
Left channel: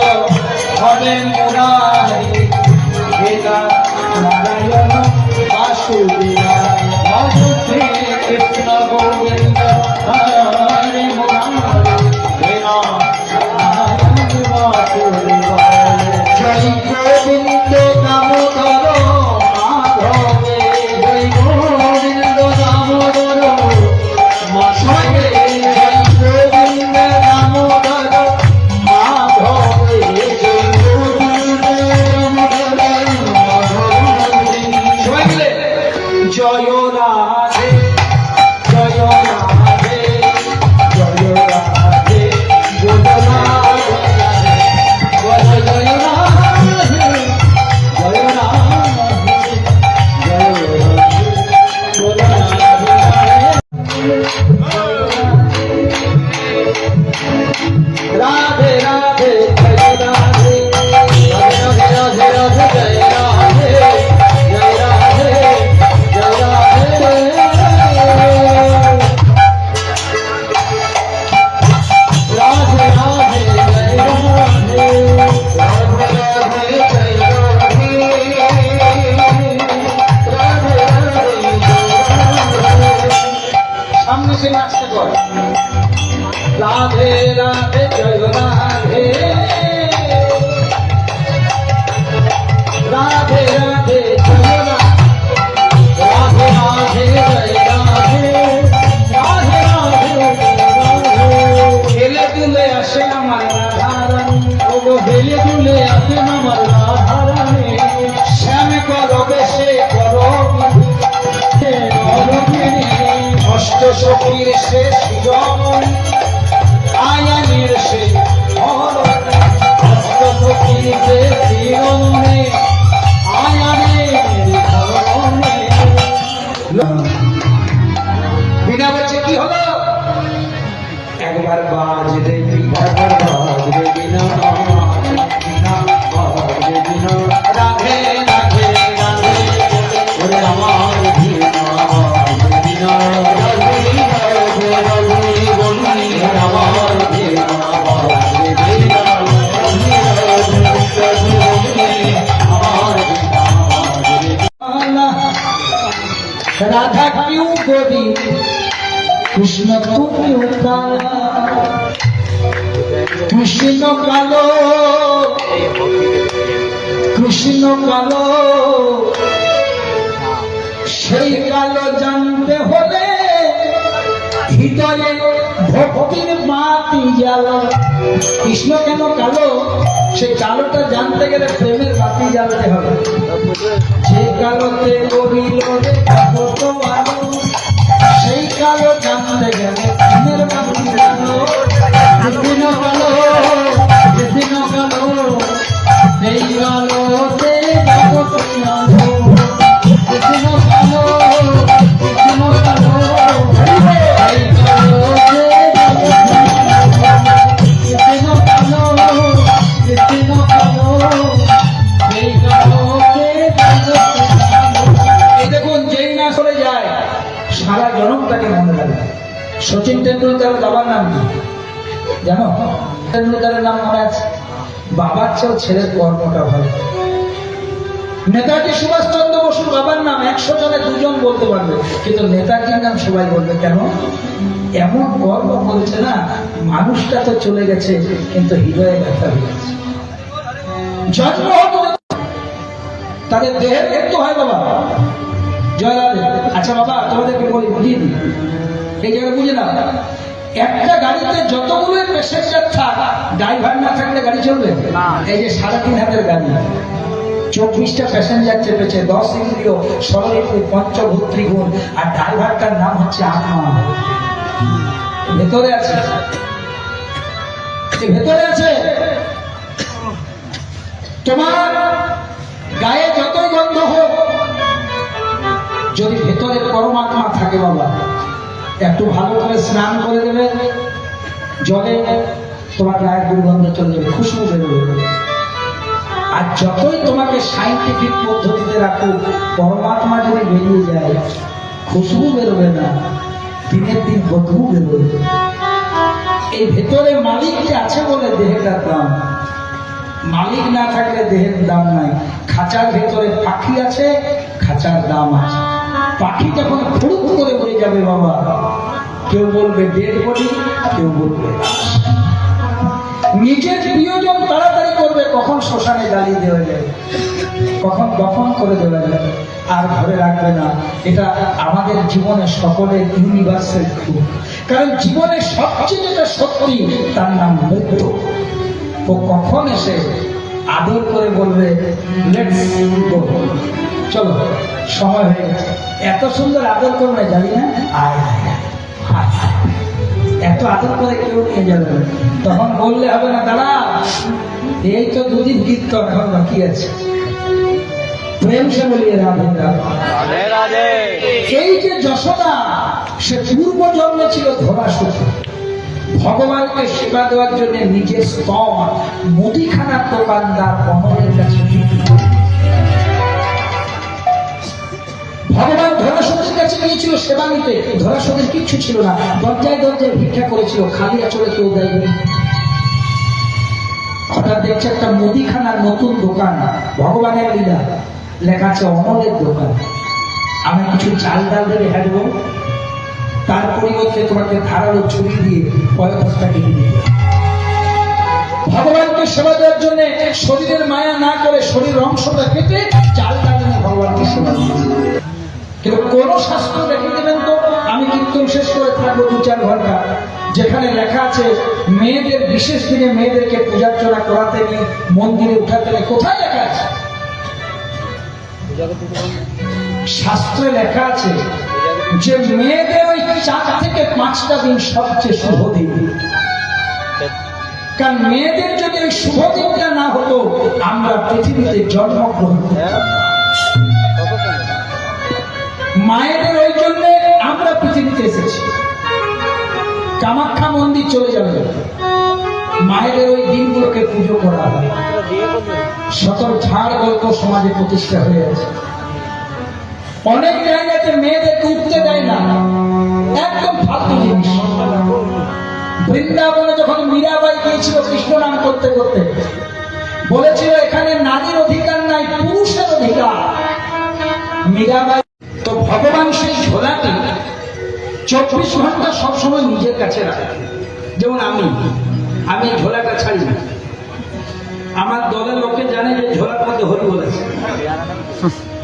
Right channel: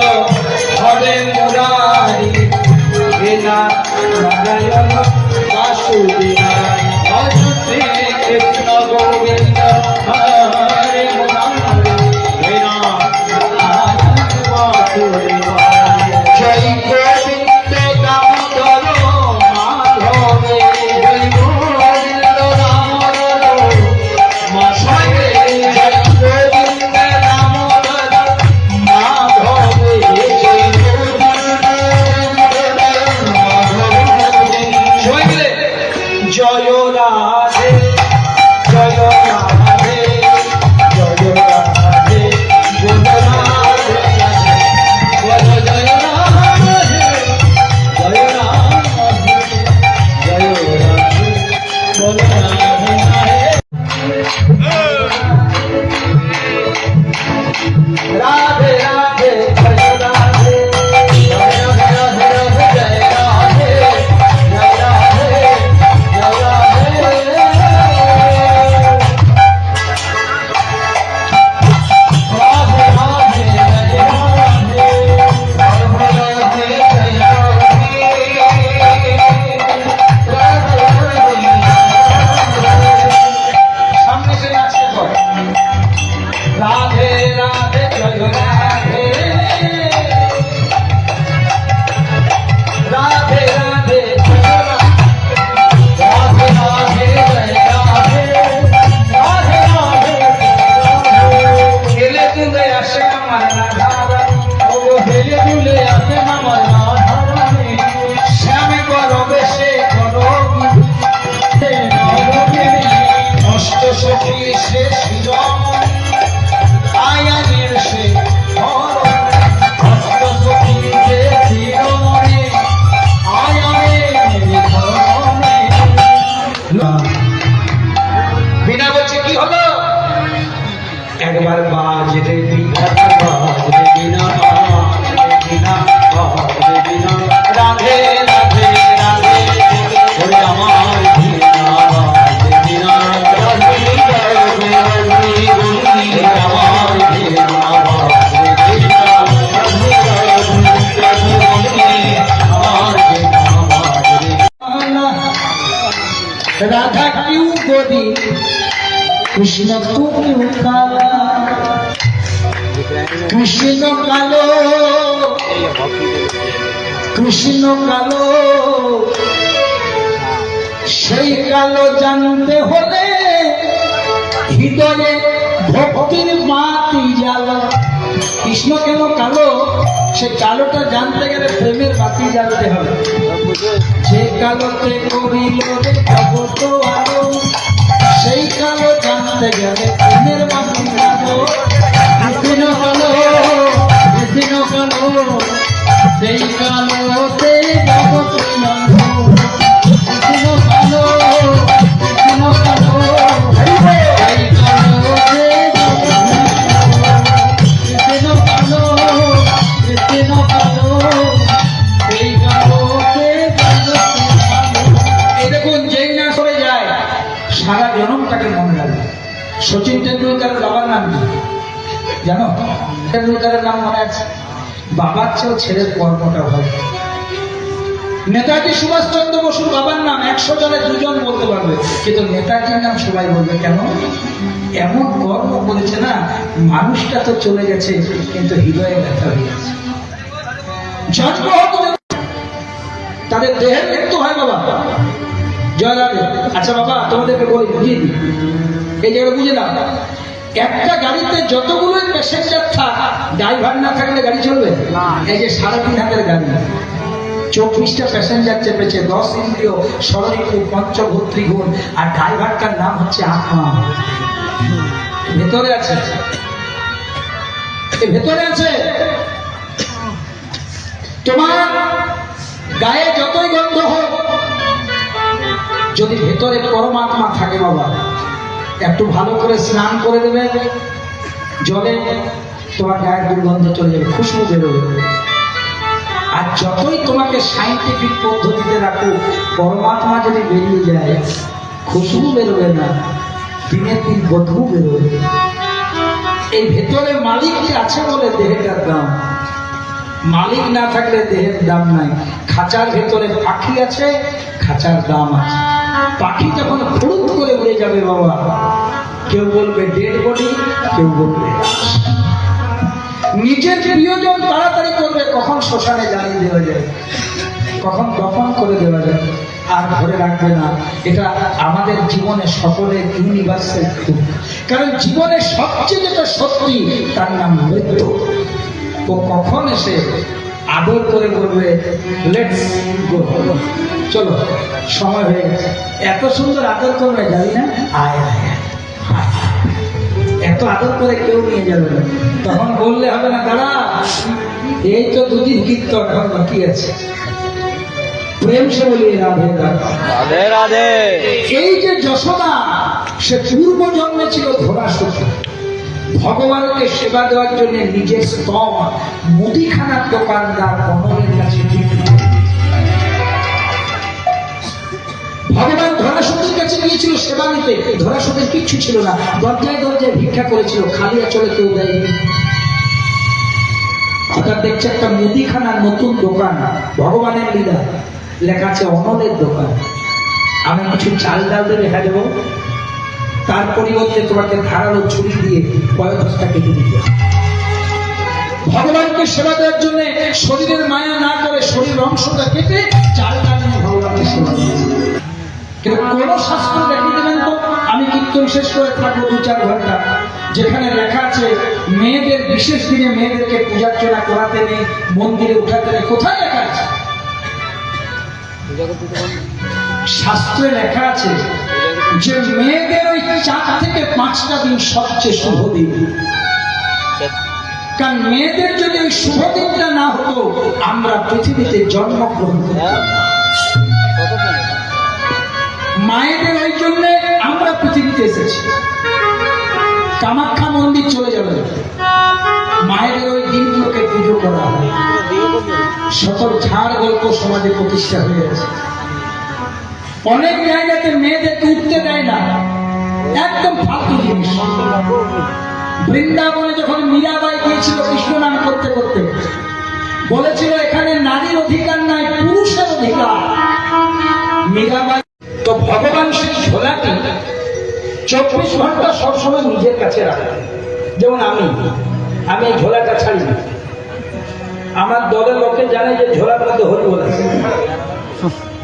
হরে মুরারি হে নারায়ণ বাসুদেব হরে কৃষ্ণ গোবিন্দ হরে মুরারি হে নারায়ণ বাসুদেব জয় গোবিন্দ দামোদর মাধব জয় গোবিন্দ দামোদর মাধব জয় গোবিন্দ দামোদর জয় রাধে জয় রাধে জয় রাধে জয় রাধে জয় জয় রাধে জয় রাধে রাধে রাধে রাধে রাধে জয় রাধে রাধে রাধে জয় রাধে রাধে জয় রাধে রাধে রাধে হেলে দুলে আসে আমার রাধারানী ও হেলে দুলে আসে আমার রাধারানী শ্যাম করো বেশে করো অষ্ট সখীর শেষ শিরোমণি আয়ানের সে অষ্ট সখীর শেষ শিরোমণি আয়ানের বিনা বেচে কি হলো একবার বাজরে বিনা বাজরে বিনা বিনা বাজরে বিনা রাধে রাধে রাধে ওরে আমার বিনা বাজরে বিনা রাধে রাধে রাধে আমার বিনা কৃষ্ণ তুমি কালা, কৃষ্ণ কালো, কৃষ্ণ কালো, সেই কালো জানতে হলে হৃদয়ে ভক্তির বাতি জ্বালা। কৃষ্ণ কেন কালো, সেই কালোটা জানতে গেলে প্রেমের বাতি জ্বালতে হবে। যে কালোতে করিল রে জগৎ আলো, সেই কালো জানতে গেলে প্রেমের বাতি জ্বালো। কৃষ্ণ কালো, কৃষ্ণ কালো, সেই কালোতে জগৎ আলো। কৃষ্ণ কালো, কৃষ্ণ কালো, সেই কালোতে কৃষ্ণ কালো, কৃষ্ণ কালো, সেই কালোতে। এই দেখুন, যেই না করে যায় সারা জনমটাকে মনে রাখবে। সচিন টেন্ডুলকারের বাবার নাম কি জানো? টেন্ডুলকারের নাম মনে আছে? বাবার চেয়েও ছেলের কর্মটা হয়। নেতাজি সুভাষচন্দ্র বসুর বাবার নাম 100 জনে 2 জন বলতে পারবে, কিন্তু নেতাজির নাম সবাই বলবে। কেন? এমন কর্ম করেছে না, মানুষটা তো চলে গেছে কিন্তু হৃদয়ে ব্যথা হয়ে গেছে। জন্ম হতো তাদের দেহের মৃত্যু হয় বাবা। জয় রাধে। আচ্ছা বাবা, তোমাদেরকে বলি, বুঝিয়ে দিই, এই জায়গাটা বুঝে না। একটা গাড়িতে যতগুলো প্যাসেঞ্জার থাক, ড্রাইভার না থাকলে গাড়ি চলবে? এই যে 3.5 হাতের গাড়ি, 24টা প্যাসেঞ্জার চেপেছে, 10 ইন্দ্রিয়, ষড়ঋতু, পঞ্চভূত্রী গুণ, আর ড্রাইভারটার নাম হচ্ছে আত্মা। ভেতরে আছে, ভেতরে আছে। তোমার গায়ে যতই গন্ধ হোক, যদি ভেতরে পরমাত্মা থাকে বাবা, একটু ভালো করে স্নান করে দেবে জলে, তোমার গায়ের দুর্গন্ধ চলে যাবে, খুশবু বেরোবে। আর যতই তোমাকে সাইন্টিফিক পদ্ধতিতে রাখুক, পরমাত্মা যদি বেরিয়ে যায়, খুশবু বেরোবে না, দিনের দিন বদবু বেরোবে। এই ভেতরে মালিককে আছে বলে দেহটার দাম, মালিক না থাকলে দেহের দাম নাই। খাঁচার ভেতরে পাখি আছে, খাঁচার দাম আছে। পাখি যখন ফুরুত করে উড়ে যাবে বাবা, কেউ বলবে ডেড বডি, কেউ বলবে নিজের প্রিয়জন তাড়াতাড়ি করবে, কখন শ্মশানে জ্বালিয়ে দেওয়া যায়, কখন দফন করে দেওয়া যায়, আর ঘরে রাখবে না। এটা আমাদের জীবনে সকলের ইউনিভার্সাল ট্রুথ। কারণ জীবনের সবচেয়ে যেটা সত্যি, তার নাম মৃত্যু। ও কখন এসে আদর করে বলবে লেটস গো, চলো সময় হয়ে গেছে। এত সুন্দর আদর করবে, জানি না, আয় আয়, এত আদর করে কেউ নিয়ে যাবে। তখন বললে হবে না, দাঁড়া, এই তো 2 দিন কীর্তন, এখন বাকি আছে। প্রেম সে বলিয়ে রাধে রাধে রাধে। এই যে যশোদা, সে পূর্ব জন্মে ছিল ধরাসুর। ভগবানকে সেবা দেওয়ার জন্য নিজের স্তম মুদিখানার দোকানদার কমলের কাছে ভগবান ধরাসুরের কাছে গিয়েছিল সেবা নিতে। ধরাসুরের কিচ্ছু ছিল না, দরজায় দরজায় ভিক্ষা করেছিল, খালি চলে কেউ দেয়নি। হঠাৎ দেখছে একটা মুদিখানার নতুন দোকান, ভগবানের লীলা, লেখা আছে অমলের দোকান। আমি কিছু চাল ডাল দিয়ে রেখা দেবো, তার পরিবর্তে তোমাকে ধারালো ছুরি দিয়ে পয়সাটা কেটে দিতে। ভগবানকে সেবা দেওয়ার জন্য শরীরের মায়া না করে শরীর অংশটা কেটে চাল ডাল দিয়ে ভগবানকে সেবা দিয়েছে। কিন্তু কোন শাস্ত্র দেখিয়ে দেবেন তো, আমি কীর্তন শেষ করে থাকবো 2-4 ঘন্টা, যেখানে লেখা আছে মেয়েদের বিশেষ দিনে মেয়েদেরকে পূজার্চনা করাতে নেই, মন্দিরে উঠাতে নেই। কোথায় লেখা আছে? শাস্ত্রে লেখা আছে যে মেয়েদের ওই 4 থেকে 5টা দিন সবচেয়ে শুভ দিন। কারণ মেয়েদের যদি ওই শুভ দিনটা না হতো, আমরা পৃথিবীতে জন্মগ্রহণ করতাম। মায়েদের ওই জন্য আমরা পৃথিবীতে এসেছি। কামাখ্যা মন্দির চলে যাবে, মায়েদের ওই দিনগুলোকে পুজো করা হয়। শত ঝাড় গল্প সমাজে প্রতিষ্ঠা হয়ে আছে। অনেক জায়গাতে মেয়েদেরকে উঠতে দেয় না, একদম ফালতু জিনিস। বৃন্দাবনে যখন মীরাবাই গিয়েছিল কৃষ্ণ নাম করতে করতে, বলেছিল এখানে নারীর অধিকার নাই, পুরুষের অধিকার। মীরাবাই তো ভগবান সেই ঝোলাটি 24 ঘন্টা সবসময় নিজের কাছে রাখা। যেমন আমি ঝোলাটা ছাড়ি না। আমার দলের লোকে জানে যে ঝোলার মধ্যে হরি বলেছে।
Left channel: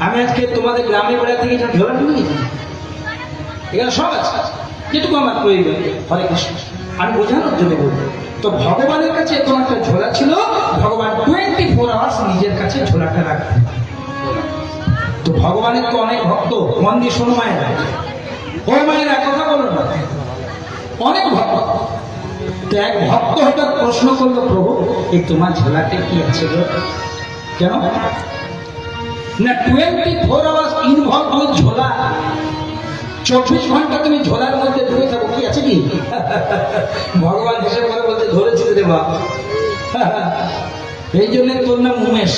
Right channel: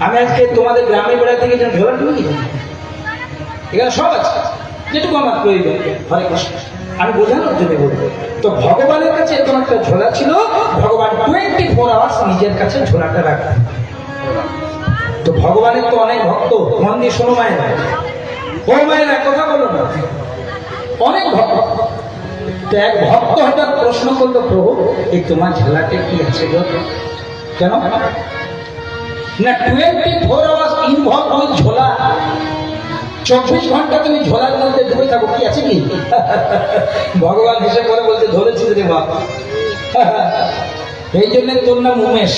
আমি আজকে তোমাদের গ্রামে বেড়াতে গিয়ে যেন ঝোলা ঢুকি, এখানে সব আছে, যেটুকু আমার প্রয়োজন। হরে কৃষ্ণ, আমি বোঝানোর জন্য বলবো। তো ভগবানের কাছে এত একটা ঝোলা ছিল, ভগবান 24 আওয়ার্স নিজের কাছে ঝোলাটা রাখতেন। তো ভগবানের তো অনেক ভক্ত, মন দিয়ে শোনো মায়ের, ও মায়ের কথা বলো না, অনেক ভক্ত। তো এক ভক্ত হঠাৎ প্রশ্ন করলো, প্রভু এই তোমার ঝোলাতে কি আছে গো? কেন না 24 আওয়ার্স ইনভলভ ওই ঝোলা, 24 ঘন্টা তুমি ঝোলার মধ্যে ডুবে থাকো, কি আছে কি? ভগবান হিসেবে করে বলছে, ধরেছি রে বাবা, এই জন্য তোর নাম উমেশ।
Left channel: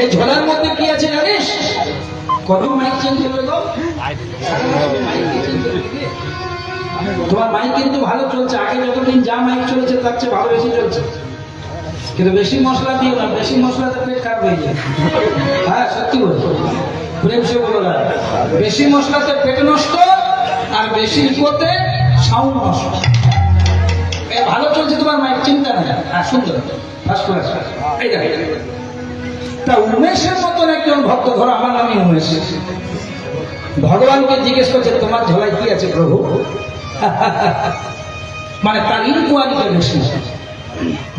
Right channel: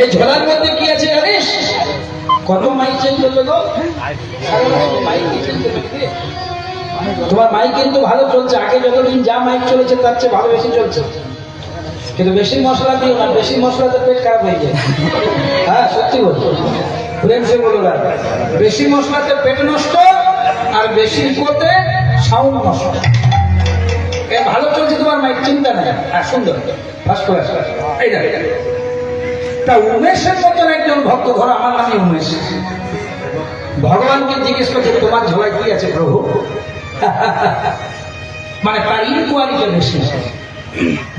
এই ঝোলার মধ্যে কি আছে জানিস? কত মাইক চেঞ্জ করবে গো? তোমার মাইক কিন্তু ভালো চলছে, আগে যতদিন যা মাইক চলেছে তার চেয়ে ভালো বেশি চলছে। কিন্তু বেশি মশলা দিও না, বেশি মশলাতে পেট খারাপ হয়ে যায়। হ্যাঁ সত্যি বলছো, প্রেম সে বলো না, বেশি মশলাতে পেট নষ্ট, আর বেশি ইকোতে সাউন্ড নষ্ট। ভালো চলছে তোমার মাইক, চিন্তা নেই। হ্যাঁ সুন্দর, ফার্স্ট ক্লাস। এই দেখো, তা উমেশের মতন একজন ভক্ত, ধরো আমার নামই উমেশ, ভগবানকে জিজ্ঞেস করছে তোমার ঝোলায় কি আছে প্রভু? মানে তার ইনকোয়ারিটা বেশি।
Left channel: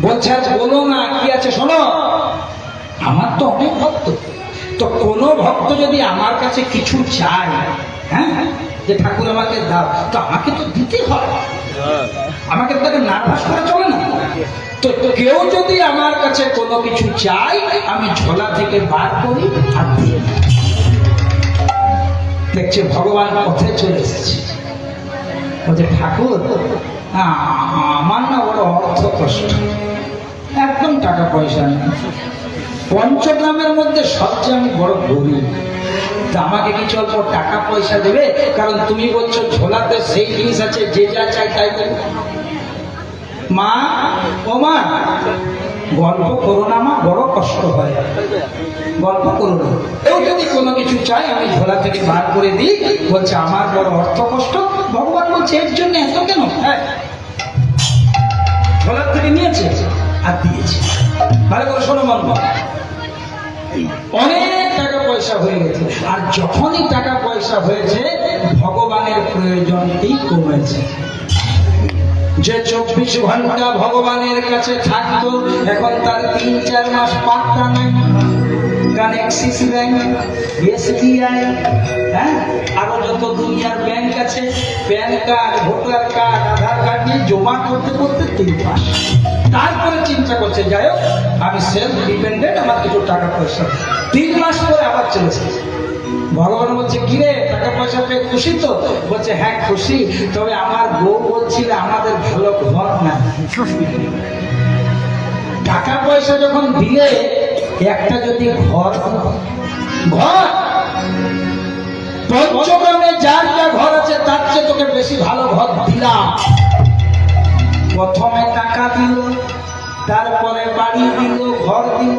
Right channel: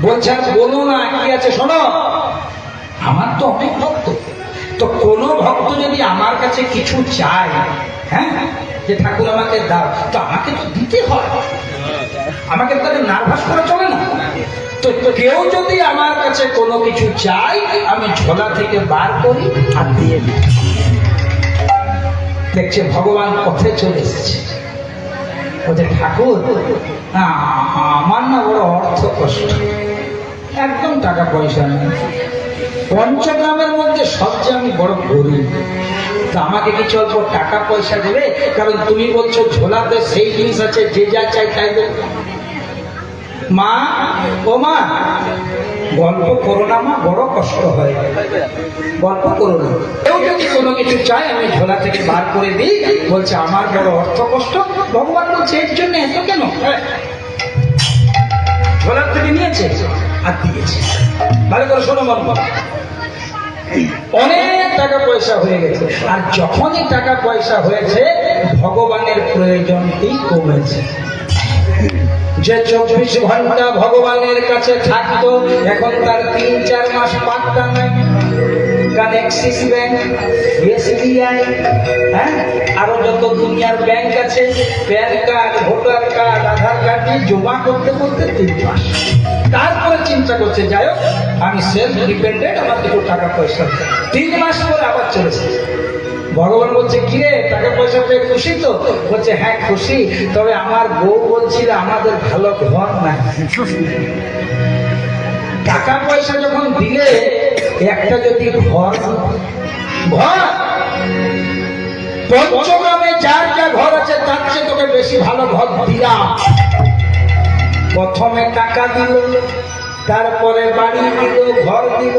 বলছে আজ বলো না কি আছে, শোনো। আমার তো অনেক ভক্ত, তো কোনো ভক্ত যদি আমার কাছে কিছু চায়, হ্যাঁ যে ঠাকুর আমাকে দাও, তো আমাকে তো দিতে হয়, আমাকে তো নার্ভাস করে চলে না। তো কেউ যদি আমার কাছে কোনো কিছু চাই, আমি ঝোলা থেকে বার করি আর দিয়ে দিই। দেখছে ভগবান পথে চলে এসেছে, বলছে ঠাকুর না আমার না বড় অর্থ কষ্ট, একদম টাকা পয়সা নেই, পঞ্চগ্রামের মধ্যে সবচেয়ে আমি বড় গরিব, তা আমাকে কিছু অল্প টাকা পয়সা দেবে? কারণ তুমি বলছো ঝোলাতে সেই জিনিস আছে যে যা চাই তাই দেবে। মা, ও মা, গল্প করো না মা, বড় কষ্ট হয়, গল্প করো না। কেউ যদি কোনো কিছু চাই আমি ঝোলা থেকে বার করে দিই, বলছে আমার বড় অর্থ কষ্ট। ভগবান বলছে এর জন্য এত কেন? ঝোলার থেকে নিয়েছে আর দিয়েছে। ভালো করে শোনো মন, অনেক টাকা পয়সা হয়ে গেছে, আর যখনই টাকা পয়সা হয়েছে ভগবানের প্রয়োজনই কমেছে। যে 24 ঘন্টা ভগবানের কাছে থাকতো, এখন তার 3-4 মাস পাত্তা নাই। কারণ অ্যাক্সিস ব্যাংক, SBI, হ্যাঁ আরো যত দুনিয়ার ব্যাংক আছে, প্যান কার্ড, ভোটার কার্ড, আধার কার্ড দিয়ে জমা করতে করতে 3 মাস। তারপরে চিন্তা করছে যাই হোক আমি সেলফ ডিপেন্ডেন্ট, আমার কিছু টাকা পয়সা। 3 মাস পরে আবার চলেছে। ভগবান বলছে কিরে টাকা পয়সা পেয়ে খুশি তো? বলছে হ্যাঁ খুশি, তবে আমার বউ বলছিল আমাদের ভালো ঘর নাই। টাকা পয়সা যখন দিলে একটা যদি ঘর, পঞ্চগ্রামে যার যা ঘর আছে তার চেয়ে তোকে বেশি ভালো ঘর দিলাম। প্রথমে টাকা দিল, তারপরে বাড়ি দিল, ঘর দিল।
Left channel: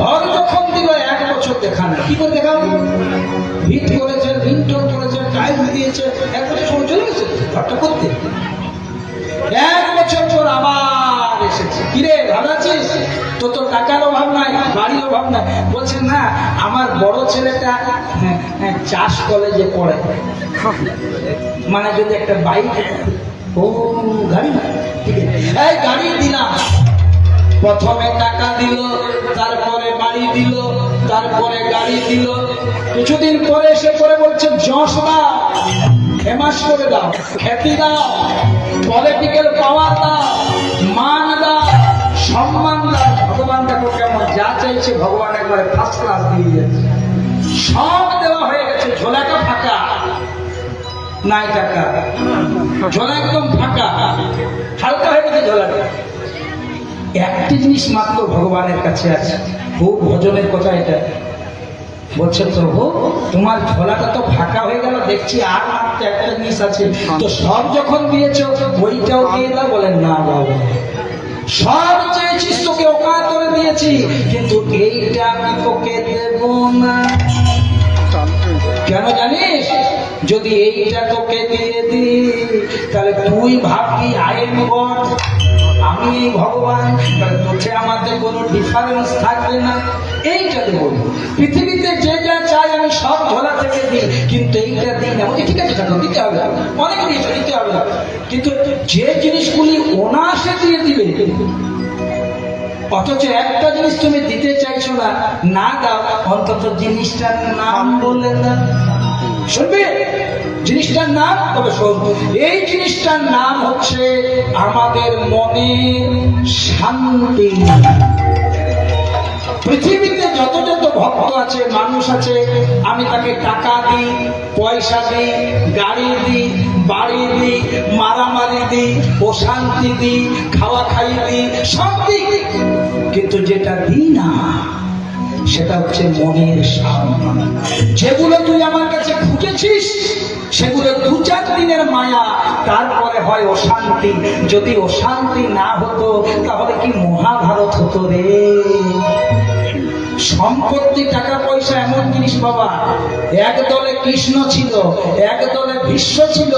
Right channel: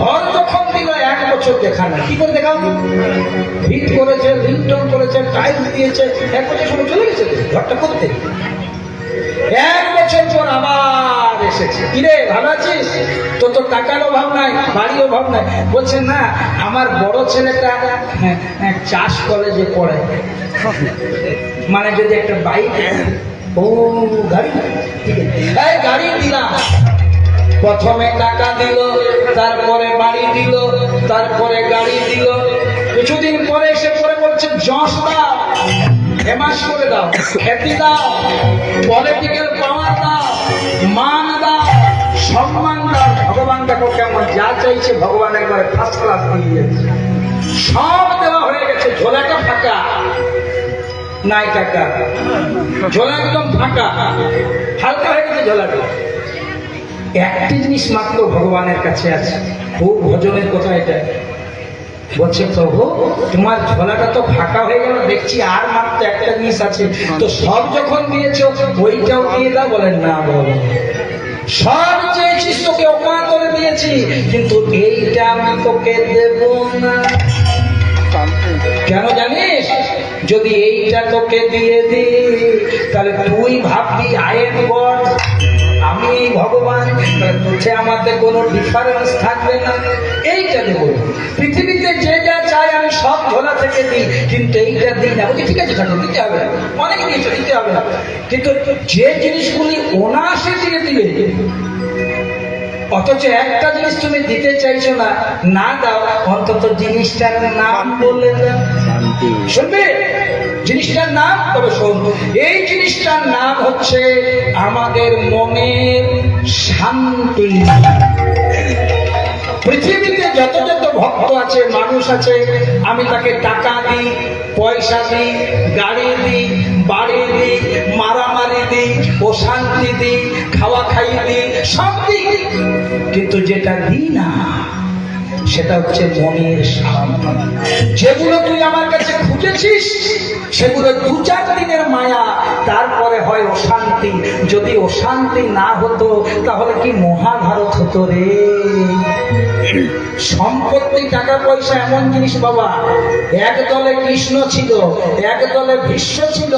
ঘর যখন দিল 1 বছর দেখা না, কি করে দেখাবো? হিট করেছে, রিংটোন করেছে, টাইম দিয়েছে, 1 বছর চলে গেছে ঘরটা করতে। 1 বছর পর আবার এসেছে, কিরে ভালো আছিস? তো তোর টাকার অভাব নাই, বাড়ির অভাব নাই? বলছে না আমার বড় ছেলেটা চাষ কলেজে পড়ে, মানে যদি একটা বাইক ও গাড়ি, ঠিক আছে গাড়ি দিলাম। প্রথমে টাকা দিল, তারপরে বাড়ি দিল, তারপরে গাড়ি দিল। কিছুদিন পরে এসে পরে বলছে যশ দাও, ফেমাস করে দাও, খ্যাতি দাও, পলিটিক্যাল পাওয়ার দাও, মান দাও, সম্মান দাও। ভগবান দেখো কেমন যা চাইছে ভগবান একবারে ফার্স্ট ক্লাস দিয়ে যাচ্ছে। সব দেওয়া হয়ে গেছে, ঝোলাটা ফাঁকা নাই, টাকা ঝোলা একদম ফাঁকা, হালকা হয়ে গেছে ঝোলাটা। একটি জিনিস মাত্র ভগবানের কাছে আছে, খুব ভোজনের কথা এটা। বলছে প্রভু তোমার ঝোলাটা তো ফাঁকা হয়ে গেল, দেখছি আর মাত্র একটা জিনিস আছে, তো সব যখন দিয়েছো ওইটাও দিয়ে দাও। বলেন না বাবা, সব চাইছিস তোকে অকাতরে দিয়েছি, কিন্তু এইটা আমি তোকে দেব না। কেন জানিস? যদি এইটা তোকে দিয়ে দি তাহলে তুই ভাববি আইন গড আমি ভগবান, তোকে আমাদের কোনো ডিফারেন্স থাকবে না। এইটা দেবো, পৃথিবীতে যে যা চাই আমি সব ঝোলা থেকে দিই, কিন্তু এইটা দিই না। বলছি ঠিক আছে ঠাকুর দিতে হবে, অনেক কিছু দিতে হবে, কিন্তু যে জিনিসগুলি অনায়াসে দিয়ে দিলে অথচ একটা জিনিস তুমি দিতে চাইছো না, না দাও, অন্তত জিনিসটার নাম বলে না। শুনবে জিনিসটার নাম? তবে শোন, এই জিনিসটার নাম হচ্ছে আমাদের মনের শান্তি। পৃথিবীতে যত যত ভক্ত আছে, মানুষ আছে, আমি তাকে টাকা দিই, পয়সা দিই, গাড়ি দিই, বাড়ি দিই, মারামারি দিই, অশান্তি দিই, খাওয়া খাই দিই, সব দিই, কিন্তু যেটা দিই না সেটা হচ্ছে মনের শান্তি। যেগুলো তুই আমার কাছে খুঁজেছিস সেগুলো 2-4 দিনের মায়া, তারপরে হয় অশান্তি। যদি অশান্তি না হতো তাহলে কি মহাভারত হতো রে? সম্পত্তি টাকা পয়সা এমন জিনিস বাবা, এক দলে কৃষ্ণ ছিল, এক দলে ভীষ্ম ছিল,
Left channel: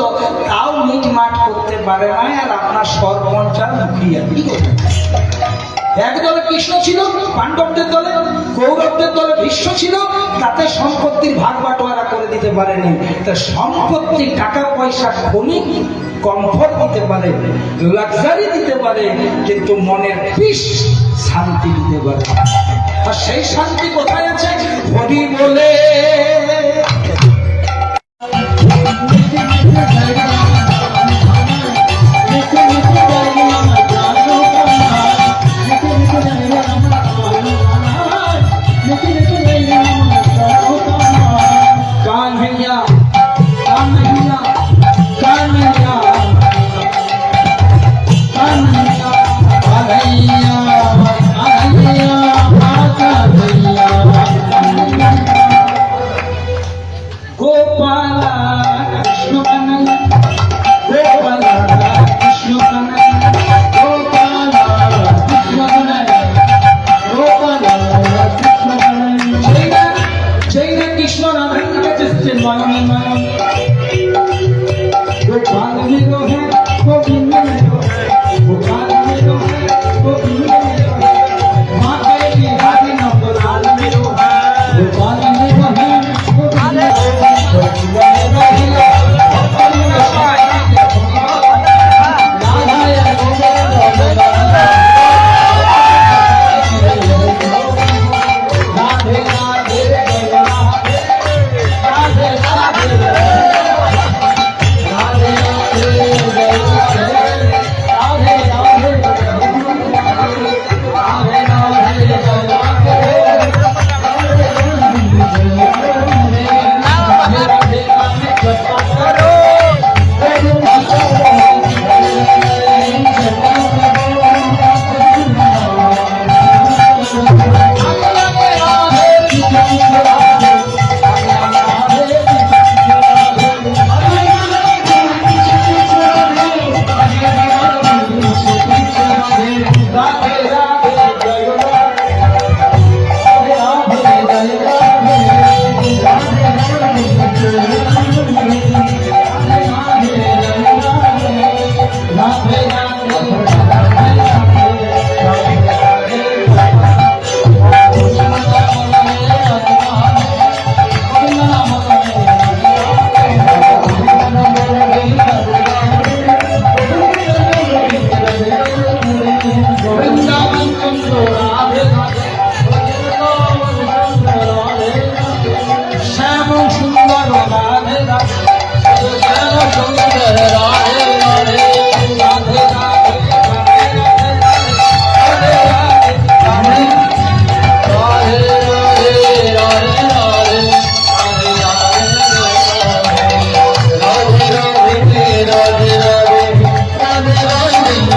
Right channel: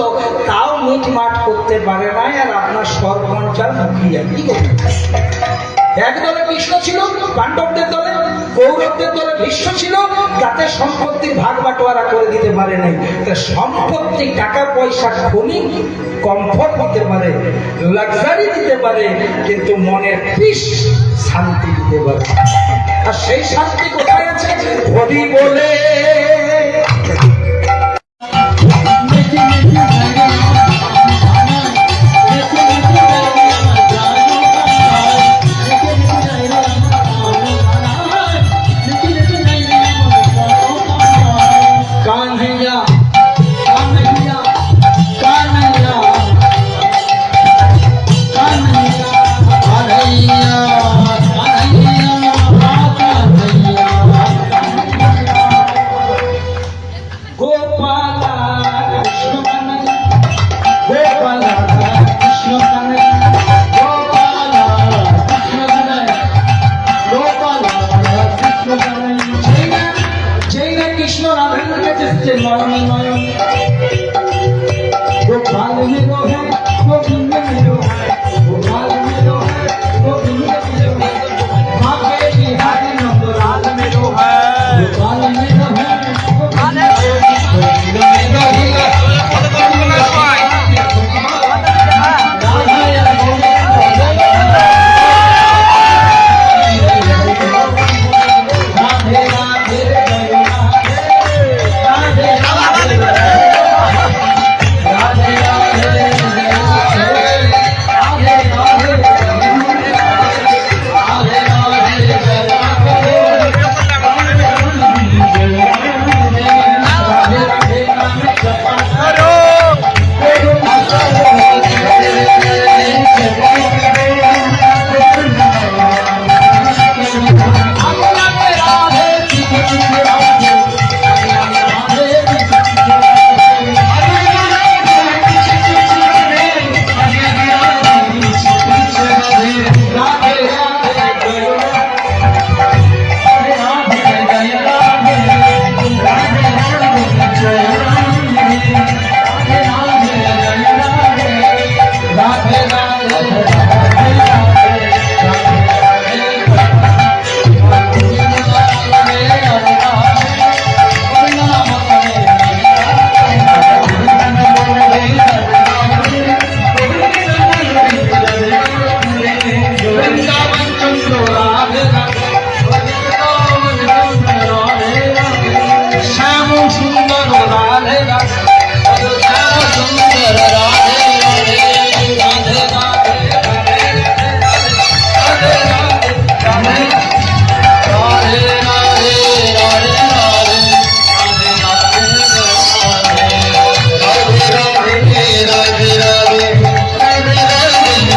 তাও মিটমাট করতে পারে না। আর আপনার সরপঞ্চার মুখিয়া কি করবে? এক দলে কৃষ্ণ ছিল, পাণ্ডবদের দলে, কৌরবদের দলে ভীষ্ম ছিল, তাতে সম্পত্তির ভাগ বাটোয়ারা করে দিতে পারেনি। তা সম্পত্তি টাকা পয়সা খনি কমফর্ট দিতে পারে, লাক্সারি দিতে পারে, কিন্তু মনের পিস শান্তি দিতে পারে। আর সেই শান্তি কোথায় আছে? হরি বলে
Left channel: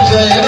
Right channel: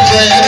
Jai